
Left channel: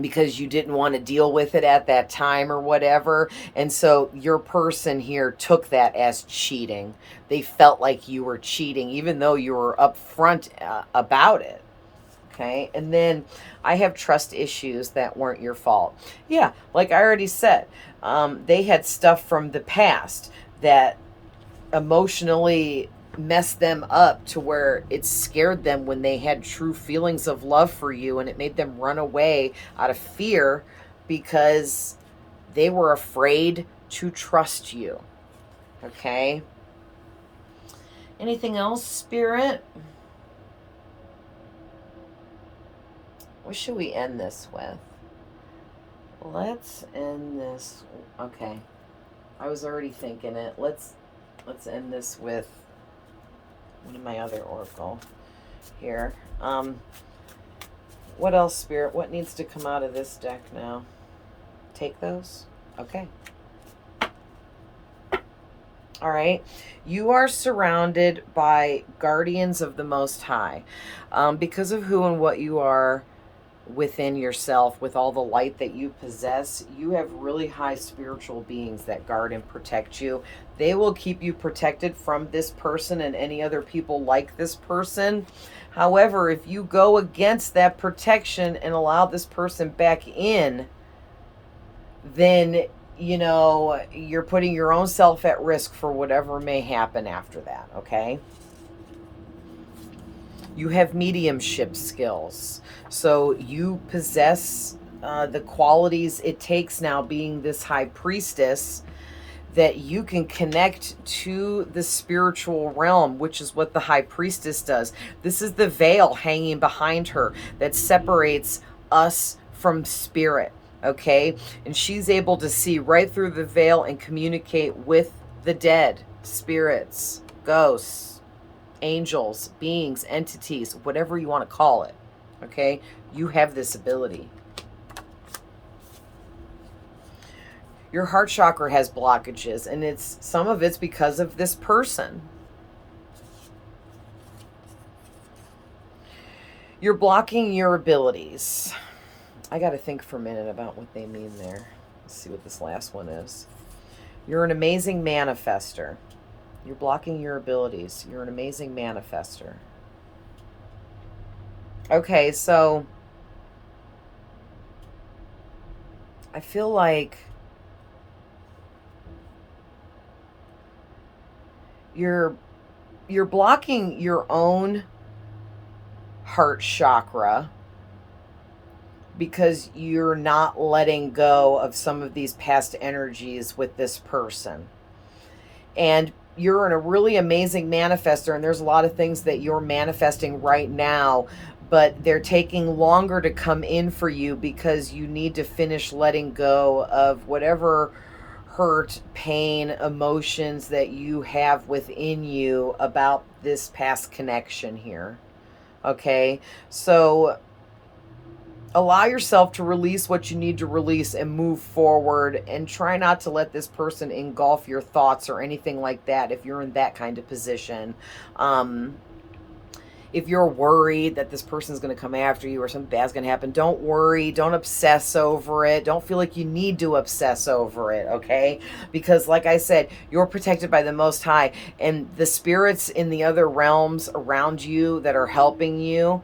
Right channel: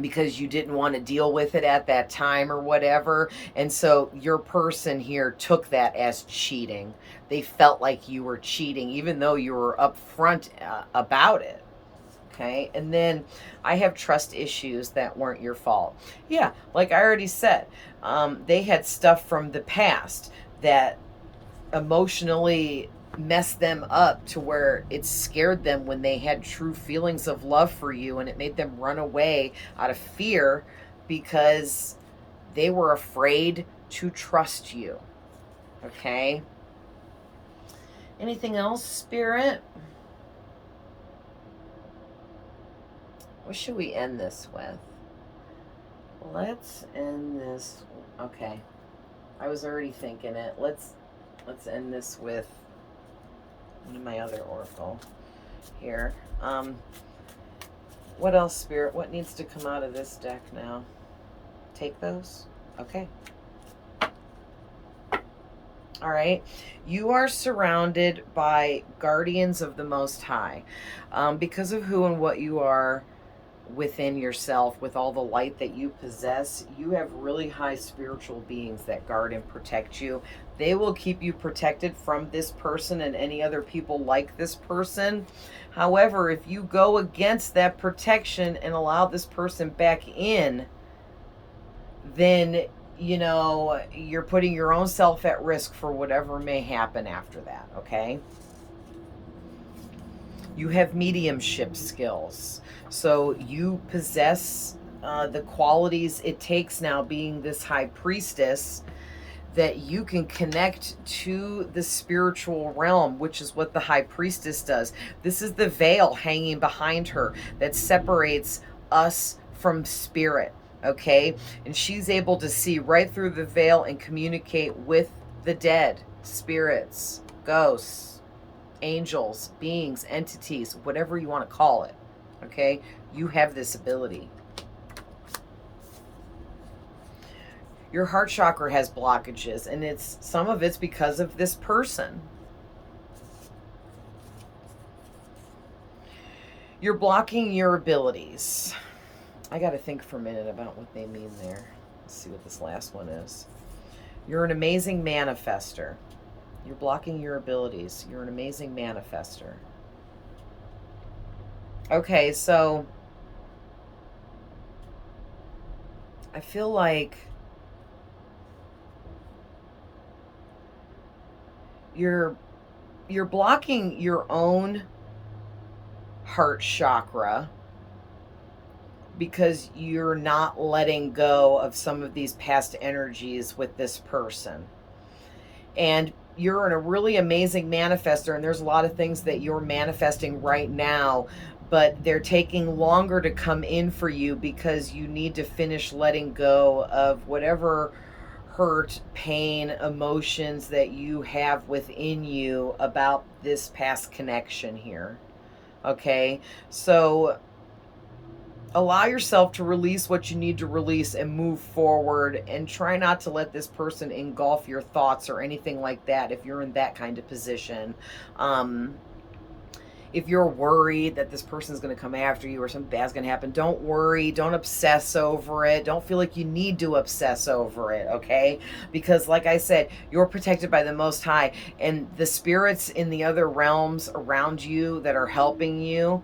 because you didn't want to deal with it at that time or whatever. And so your person here took that as cheating. They felt like you were cheating, even though you were upfront about it. Okay. And then I have trust issues that weren't your fault. Yeah. Like I already said, they had stuff from the past that emotionally messed them up to where it scared them when they had true feelings of love for you, and it made them run away out of fear because they were afraid to trust you. Okay? Anything else, Spirit? What should we end this with? Let's end this. Okay. I was already thinking it. Let's end this with one of my other oracle here. What else, Spirit? What needs to come out of this deck now? Take those? Okay. All right. You are surrounded by guardians of the Most High. Because of who and what you are within yourself, with all the light that you possess, you have really high spiritual beings that guard and protect you. They will keep you protected from this person and any other people like this person. However, if you go against that protection and allow this person back in, then, you know, you're putting your own self at risk for whatever may happen after that, okay? You have mediumship skills. So you possess the qualities it takes now, being this high priestess, that you can connect to the spiritual realm, which is what the High Priestess does. This is the veil hanging behind her that separates us from spirit, okay? And she's able to see right through the veil and communicate with the dead, spirits, ghosts, angels, beings, entities, whatever you want to call it, okay? You have this ability. Your heart chakra has blockages, and some of it's because of this person. You're blocking your abilities. I got to think for a minute about what they mean there. Let's see what this last one is. You're an amazing manifester. You're blocking your abilities. You're an amazing manifester. Okay, so I feel like you're blocking your own heart chakra because you're not letting go of some of these past energies with this person. And you're a really amazing manifester, and there's a lot of things that you're manifesting right now, but they're taking longer to come in for you because you need to finish letting go of whatever hurt, pain, emotions that you have within you about this past connection here. Okay, so allow yourself to release what you need to release and move forward, and try not to let this person engulf your thoughts or anything like that if you're in that kind of position. If you're worried that this person's going to come after you or something bad's going to happen, don't worry. Don't obsess over it. Don't feel like you need to obsess over it, okay? Because like I said, you're protected by the Most High, and the spirits in the other realms around you that are helping you,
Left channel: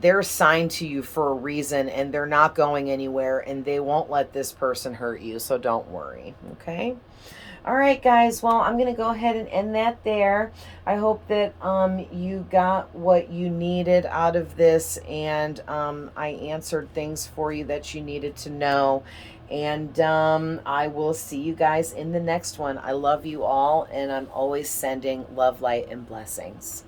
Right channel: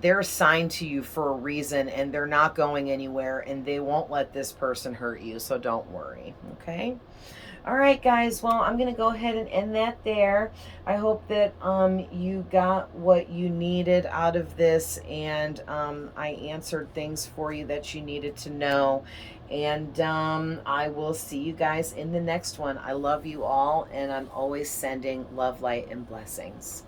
they're assigned to you for a reason, and they're not going anywhere, and they won't let this person hurt you, so don't worry, okay? All right, guys. Well, I'm going to go ahead and end that there. I hope that you got what you needed out of this, and I answered things for you that you needed to know. And I will see you guys in the next one. I love you all, and I'm always sending love, light, and blessings.